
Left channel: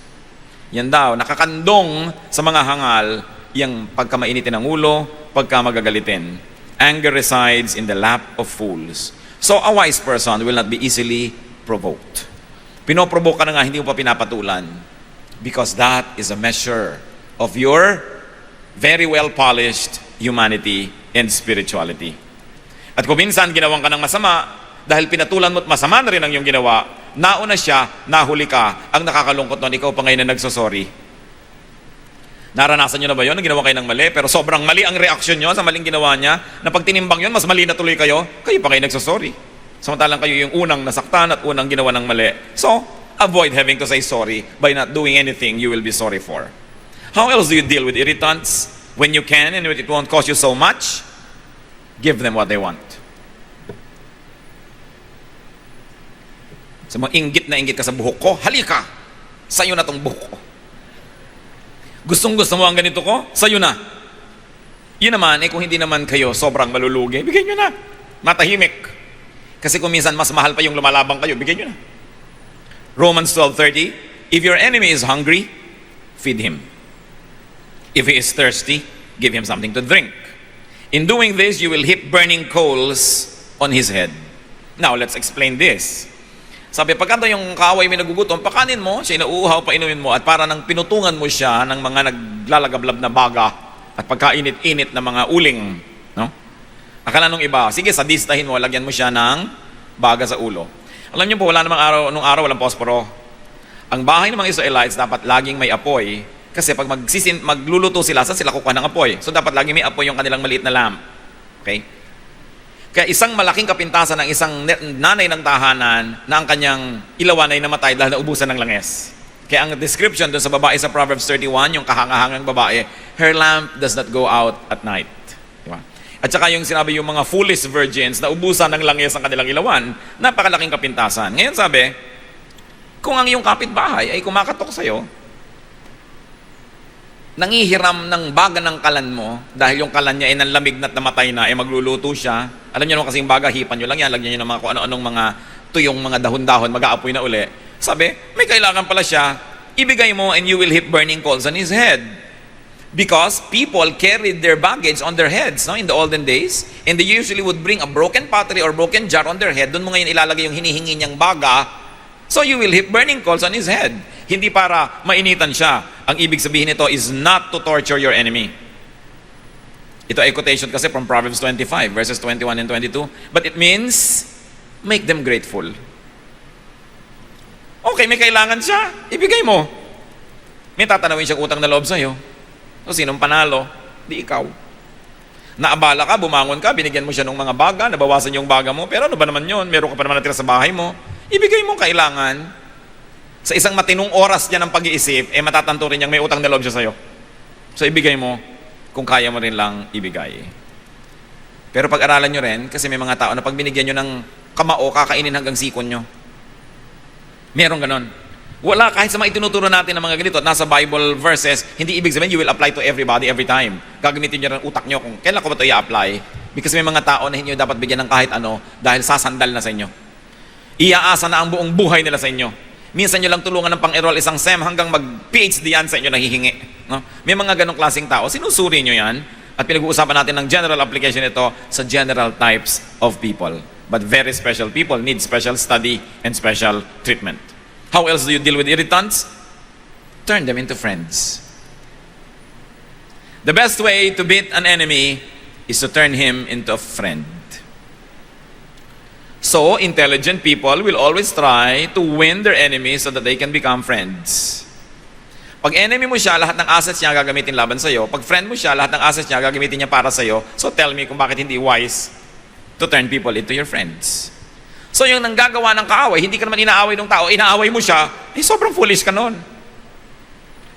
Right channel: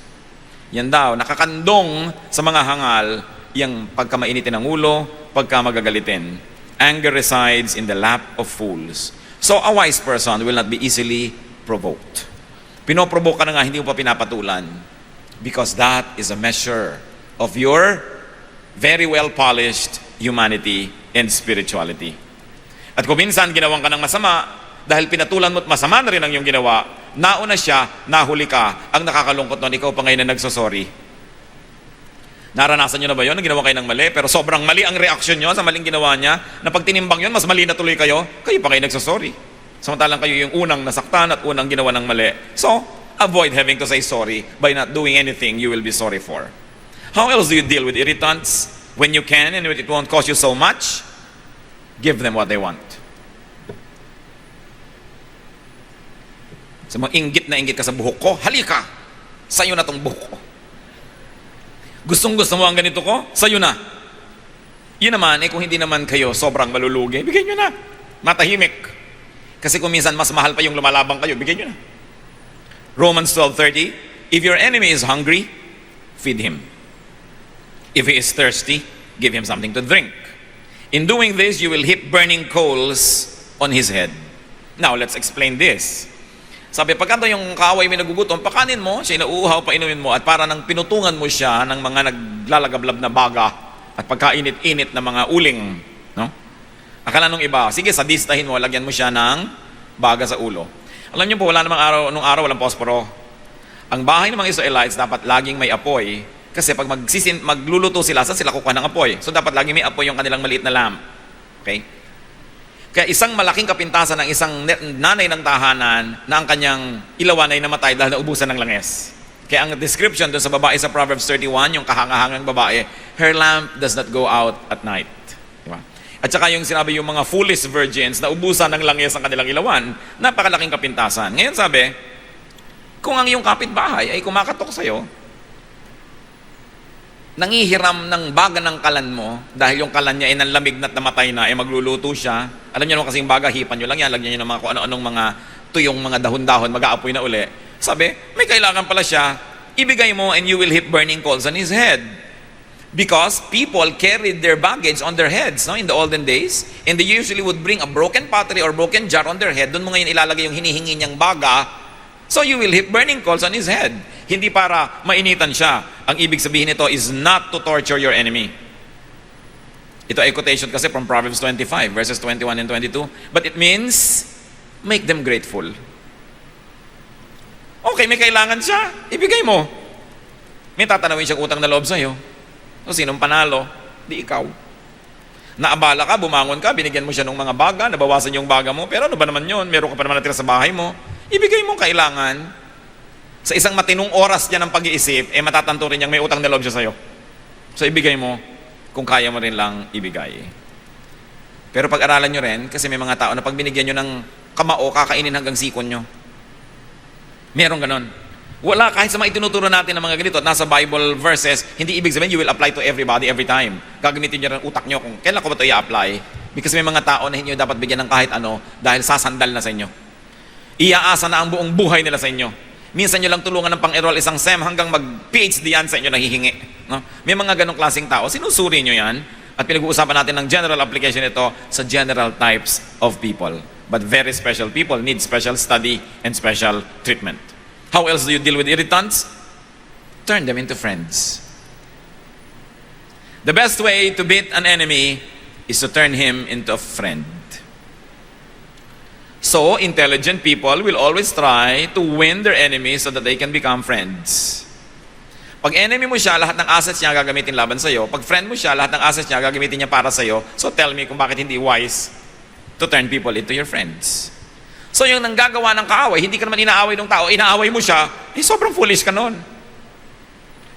Yan daw, nakakandong sa mga hangal, yung pagka mainitin ang ulo, pagka magagalitin. Anger resides in the lap of fools. So a wise person will not be easily provoked. Pinoprovoke ka na nga, hindi mo pa pinapatulan. Because that is a measure of your very well-polished humanity and spirituality. At kung minsan ginawang ka ng masama, dahil pinatulan mo at masama na rin ang iyong ginawa, nauna siya, nahuli ka, ang nakakalungkot doon, ikaw pa ngayon na nagsasorry. Naranasan niyo na ba yun? Ginawa kayo ng mali, pero sobrang mali ang reaksyon niyo sa maling ginawa niya, na pag tinimbang yun, mas mali na tuloy kayo pa kayo nagsasorry. Samantalang kayo yung unang nasaktan at unang ginawa ng mali. So, avoid having to say sorry by not doing anything you will be sorry for. How else do you deal with irritants? When you can and it won't cost you so much, give them what they want. Sa mga inggit ka sa buhok ko, halika! Sa'yo na tong buhok ko. Gustong-gusto mo ang ganito ko? Sa'yo na. Yun naman, kung hindi naman kayo sobrang malulugi, bigyan nyo na. Matahimik. Kasi kung minsan mas mahal pa yung lumalabang kayo, bigyan nyo na. Romans 12:30, if your enemy is hungry, feed him. If he is thirsty, give him something to drink. In doing this, you will heap burning coals on his head. Now, let's explain this. Sabi, pagkanta yung kaaway may nagugutom, pakanin mo, siya inuuhaw, painumin mo, at para nang pinutungan mo siya ng mga naglalagablab na baga, at pagkainit-init na mga uling. No? Akala nung iba, sige, sadistahin mo, lagyan mo siya ng baga sa ulo. Alam niyo po, wala namang araw, nung araw walang posporo. Ang bahay ng mga Israelites dapat laging may apoy. Kasi pag magluluto sila, saan sila kukuha ng apoy? So dapat laging may apoy yung kanilang maliit na lamp. Okay? Kaya isang malaking kapintasan ng isang nanay ng tahanan na ang kanyang ilawan ay namatay dahil naubusan ng langes. Kaya ang description doon sa babae sa Proverbs 31, yung kahangahangang babae, her lamp does not go out at night. Diba? At saka yung sinabi yung mga foolish virgins na ubusan ng langes ang kanilang ilawan, napakalaking kapintasan. Ngayon sabi, kung ang iyong kapitbahay ay kumakatok sa'yo, nangihiram ng baga ng kalan mo dahil yung kalan niya ay nanlamig na namatay na, ay magluluto siya. Alam niyo naman kasing baga, hipan nyo lang yan, lagyan nyo ng mga kung ano-anong mga tuyong mga dahon-dahon, mag-aapoy na uli. Sabi, may kailangan pala siya, ibigay mo and you will hit burning coals on his head. Because people carried their baggage on their heads, no, in the olden days. And they usually would bring a broken pottery or broken jar on their head. Doon mo ngayon ilalagay yung hinihingi niyang baga. So you will hit burning coals on his head. Hindi para mainitan siya. Ang ibig sabihin nito is not to torture your enemy. Ito ay quotation kasi from Proverbs 25, verses 21 and 22. But it means, make them grateful. Okay, may kailangan siya. Ibigay mo. May tatanawin siyang utang na loob sa'yo. So, sinong panalo? Di ikaw. Naabala ka, bumangon ka, binigyan mo siya ng mga baga, nabawasan yung baga mo, pero ano ba naman yun? Meron ka pa naman natira sa bahay mo. Ibigay mo kailangan. Sa isang matinong oras niya ng pag-iisip, matatanto rin niyang may utang na loob siya sa'yo. So, ibigay mo kung kaya mo rin lang ibigay. Pero pag-aralan nyo rin, kasi may mga tao na pag binigyan nyo ng kamao, kakainin hanggang sikon nyo. Meron ganon. Wala, kahit sa mga itinuturo natin ng mga ganito at nasa Bible verses, hindi ibig sabihin you will apply to everybody every time. Gagamitin nyo rin utak nyo kung kailan ko ba ito i-apply. Because may mga tao na hindi nyo dapat bigyan ng kahit ano dahil sasandal na sa inyo. Iaasa na ang buong buhay nila sa inyo. Minsan nyo lang tulungan ng pang-enroll isang SEM hanggang mag-PhD yan sa inyo nahihingi. No? May mga ganong klaseng tao, sinusuri nyo yan. At pinag-uusapan natin ng general application ito sa general types of people. But very special people need special study and special treatment. How else do you deal with irritants? Turn them into friends. The best way to beat an enemy is to turn him into a friend. So, intelligent people will always try to win their enemies so that they can become friends. Pag enemy mo siya, lahat ng assets niya gagamitin laban sa'yo. Pag friend mo siya, lahat ng assets niya gagamitin niya para sa'yo. So, tell me kung bakit hindi wise to turn people into your friends. So yung nanggagawa ng kaaway, hindi ka naman inaaway ng tao, inaaway mo siya, sobrang foolish ka nun.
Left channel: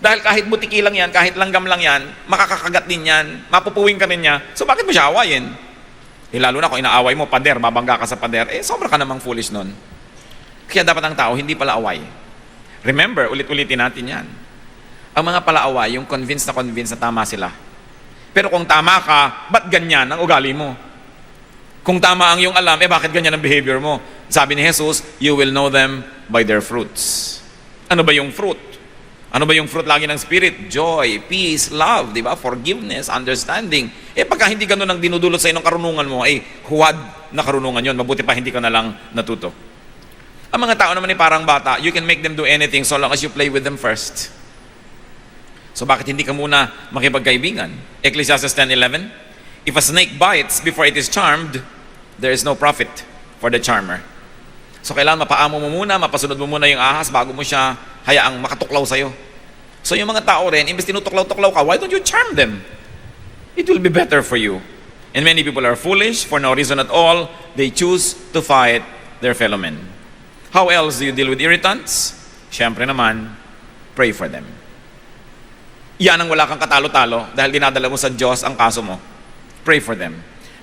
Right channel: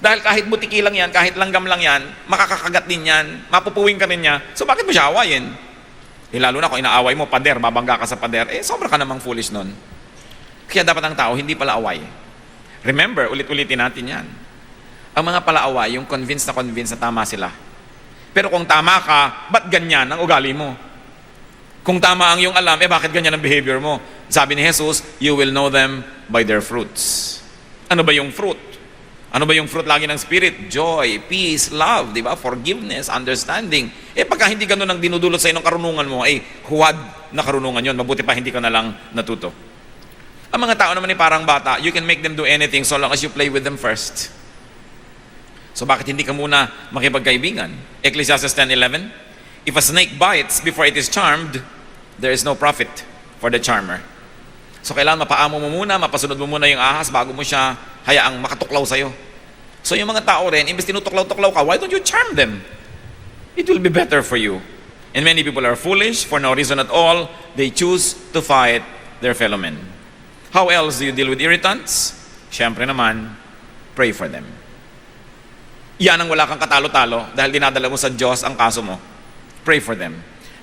Dahil kahit butiki lang yan, kahit langgam lang yan, makakakagat din yan, mapupuwing ka rin niya. So bakit mo siya awayin? Lalo na kung inaaway mo, pader, babangga ka sa pader, sobra ka namang foolish nun. Kaya dapat ang tao, hindi pala away. Remember, ulit-ulitin natin yan. Ang mga palaaway, yung convinced na tama sila. Pero kung tama ka, ba't ganyan ang ugali mo? Kung tama ang iyong alam, bakit ganyan ang behavior mo? Sabi ni Jesus, you will know them by their fruits. Ano ba yung fruit? Ano ba yung fruit lagi ng Spirit? Joy, peace, love, di ba? Forgiveness, understanding. Pagka hindi ganun ang dinudulot sa inong karunungan mo, huwad na karunungan yon. Mabuti pa hindi ka na lang natuto. Ang mga tao naman parang bata, you can make them do anything so long as you play with them first. So bakit hindi ka muna makipagkaibigan? Ecclesiastes 10:11. If a snake bites before it is charmed, there is no profit for the charmer. So kailangan mapaamo mo muna, mapasunod mo muna yung ahas bago mo siya hayaang makatuklaw sa'yo. So yung mga tao rin, imbes tinutuklaw-tuklaw ka, why don't you charm them? It will be better for you. And many people are foolish for no reason at all. They choose to fight their fellow men. How else do you deal with irritants? Siyempre naman, pray for them. Yan ang wala kang katalo-talo dahil dinadala mo sa Diyos ang kaso mo. Pray for them.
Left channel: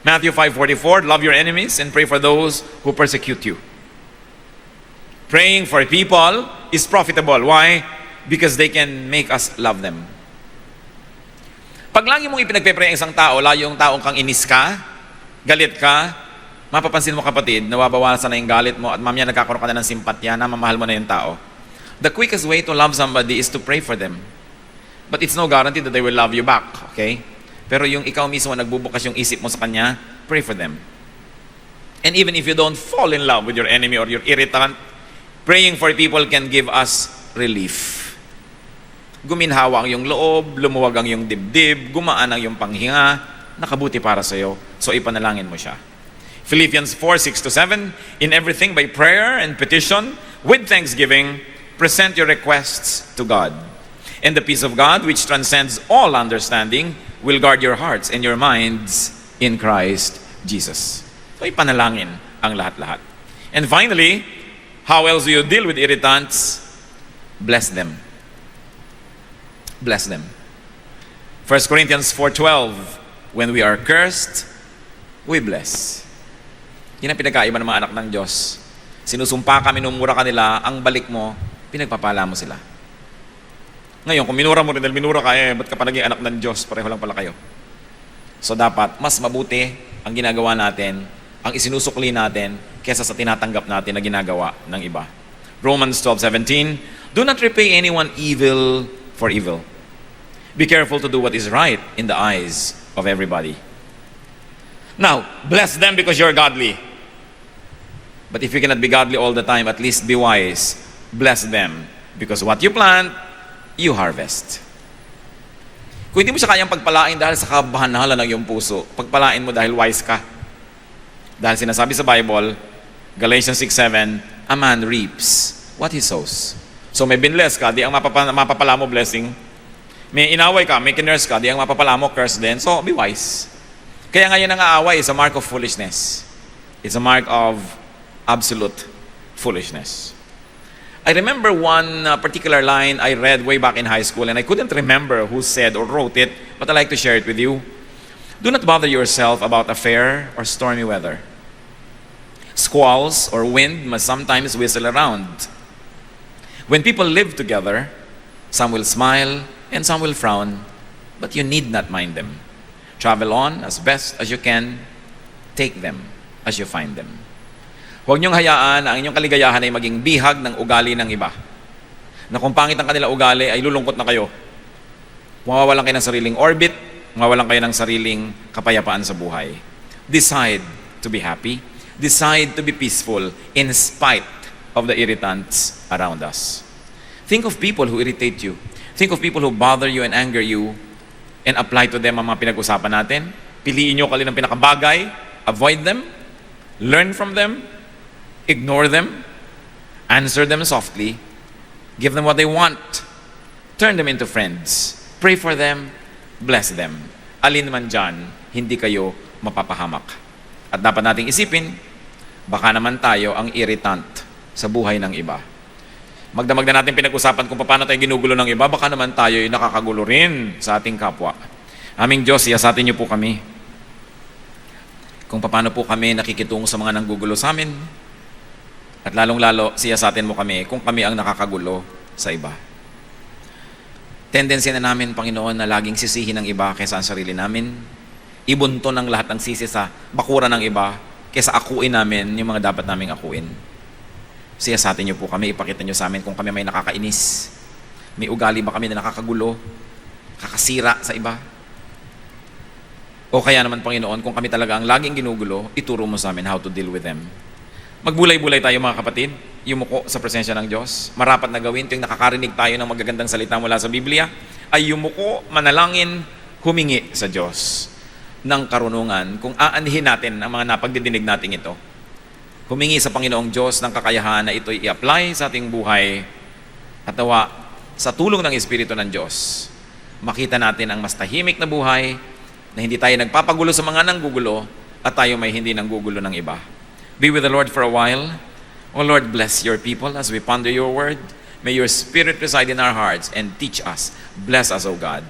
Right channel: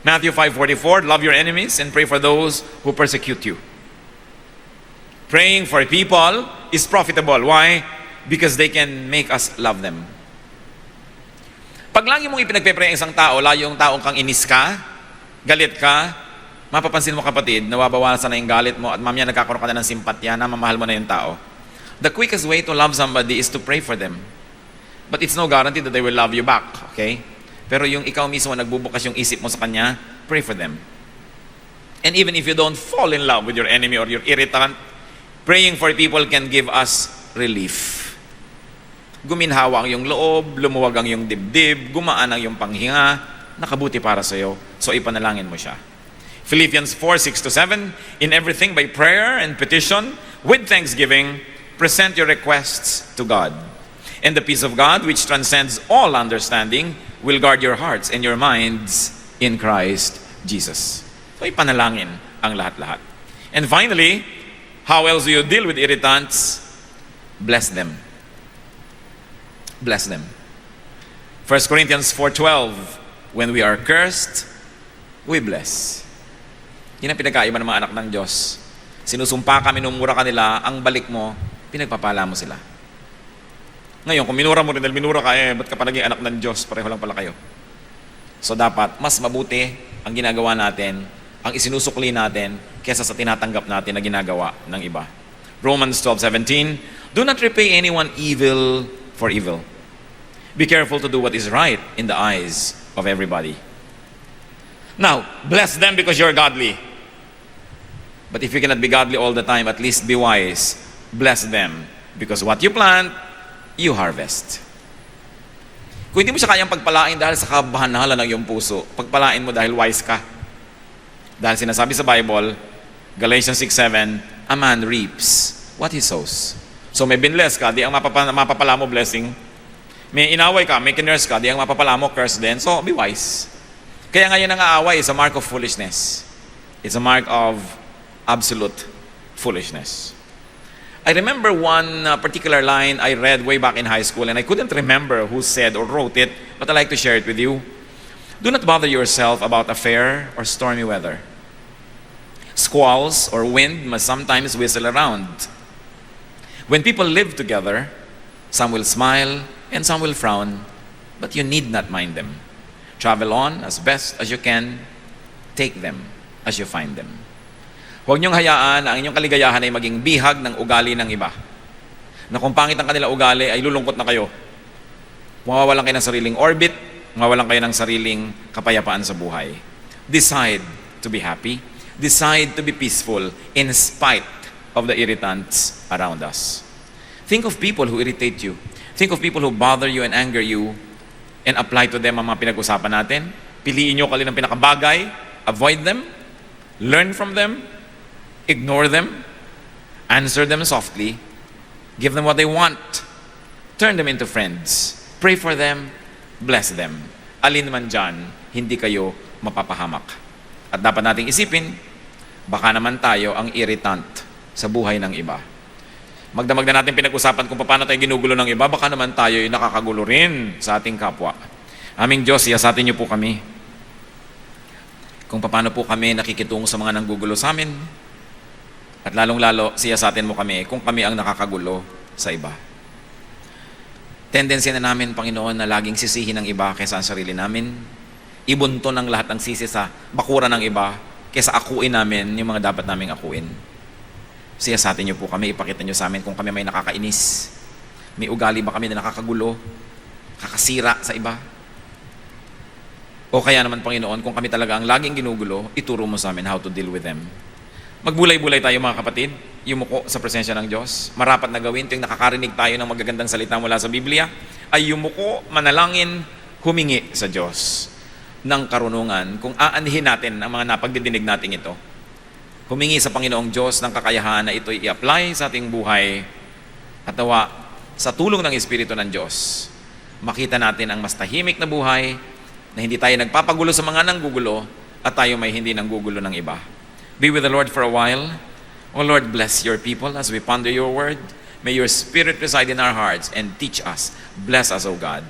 Matthew 5:44, love your enemies and pray for those who persecute you. Praying for people is profitable. Why? Because they can make us love them. Pag lagi mong ipinagpe-pray ang isang tao, layo yung taong kang inis ka, galit ka, mapapansin mo kapatid, nawabawasan na yung galit mo at mamaya nagkakaroon ka na ng simpatya na mamahal mo na yung tao. The quickest way to love somebody is to pray for them. But it's no guarantee that they will love you back. Okay? Pero yung ikaw mismo nagbubukas yung isip mo sa kanya, pray for them. And even if you don't fall in love with your enemy or your irritant, praying for people can give us relief. Guminhawa ang iyong loob, lumuwag ang iyong dibdib, gumaan ang iyong panghinga, nakabuti para sa iyo. So ipanalangin mo siya. Philippians 4:6-7, in everything by prayer and petition, with thanksgiving, present your requests to God. And the peace of God, which transcends all understanding, will guard your hearts and your minds in Christ Jesus. So ipanalangin ang lahat-lahat. And finally, how else do you deal with irritants? Bless them. Bless them. 1 Corinthians 4:12, when we are cursed, we bless. Yan ang pinagkaiba ng mga anak ng Diyos. Sinusumpa ka, minumura ka nila, ang balik mo, pinagpapala mo sila. Ngayon, kung minura mo rin dahil minura ka, ba't ka pa naging anak ng Diyos? Pareho lang pala kayo. So dapat, mas mabuti ang ginagawa natin, ang isinusukli natin, kesa sa tinatanggap natin na ginagawa ng iba. Romans 12:17, do not repay anyone evil for evil. Be careful to do what is right in the eyes of everybody. Now, bless them because you're godly. But if you cannot be godly all the time, at least be wise. Bless them because what you plant, you harvest. Kung hindi mo siya kayang pagpalain dahil sa kabahan-hala ng iyong puso, pagpalain mo dahil wise ka. Dahil sinasabi sa Bible, Galatians 6:7, a man reaps what he sows. So may binless ka, di ang mapapala mo blessing. May inaway ka, may kinurse ka, di ang mapapala mo curse din. So be wise. Kaya ngayon ang aaway is a mark of foolishness. It's a mark of absolute foolishness. I remember one particular line I read way back in high school, and I couldn't remember who said or wrote it, but I'd like to share it with you. Do not bother yourself about a fair or stormy weather. Squalls or wind must sometimes whistle around. When people live together, some will smile and some will frown, but you need not mind them. Travel on as best as you can. Take them as you find them. Huwag niyong hayaan na ang inyong kaligayahan ay maging bihag ng ugali ng iba. Na kung pangit ang kanila ugali, ay lulungkot na kayo. Mawawalan kayo ng sariling orbit, mawawalan kayo ng sariling kapayapaan sa buhay. Decide to be happy. Decide to be peaceful in spite of the irritants around us. Think of people who irritate you. Think of people who bother you and anger you, and apply to them ang mga pinag-usapan natin. Piliin nyo kalin ang pinakabagay. Avoid them. Learn from them. Ignore them. Answer them softly. Give them what they want. Turn them into friends. Pray for them. Bless them. Alin man dyan, hindi kayo mapapahamak. At dapat nating isipin, baka naman tayo ang irritant sa buhay ng iba. Magdamag na natin pinag-usapan kung paano tayo ginugulo ng iba, baka naman tayo ay nakakagulo rin sa ating kapwa. Aming Diyos, siyasatin niyo po kami. Kung paano po kami nakikitungo sa mga nanggugulo sa amin. At lalong-lalo, siyasatin mo kami kung kami ang nakakagulo sa iba. Tendency na namin, Panginoon, na laging sisihin ng iba kaysa sa sarili namin. Ibunto ng lahat ng sisi sa bakura ng iba kaysa akuin namin yung mga dapat naming akuin. Siyasatin niyo po kami, ipakita niyo sa amin kung kami may nakakainis. May ugali ba kami na nakakagulo, kakasira sa iba? O kaya naman, Panginoon, kung kami talaga ang laging ginugulo, ituro mo sa amin how to deal with them. Magbulay-bulay tayo mga kapatid, yumuko sa presensya ng Diyos. Marapat na gawin ting nakakarinig tayo ng magagandang salita mula sa Biblia, ay yumuko, manalangin, humingi sa Diyos ng karunungan kung aanhin natin ang mga napagdidinig natin ito. Humingi sa Panginoong Diyos ng kakayahan na ito i-apply sa ating buhay at tawa sa tulong ng Espiritu ng Diyos. Makita natin ang mas tahimik na buhay na hindi tayo nagpapagulo sa mga nanggugulo at tayo may hindi nanggugulo ng iba. Be with the Lord for a while. O Lord, bless your people as we ponder your word. May your Spirit reside in our hearts and teach us. Bless us, O God.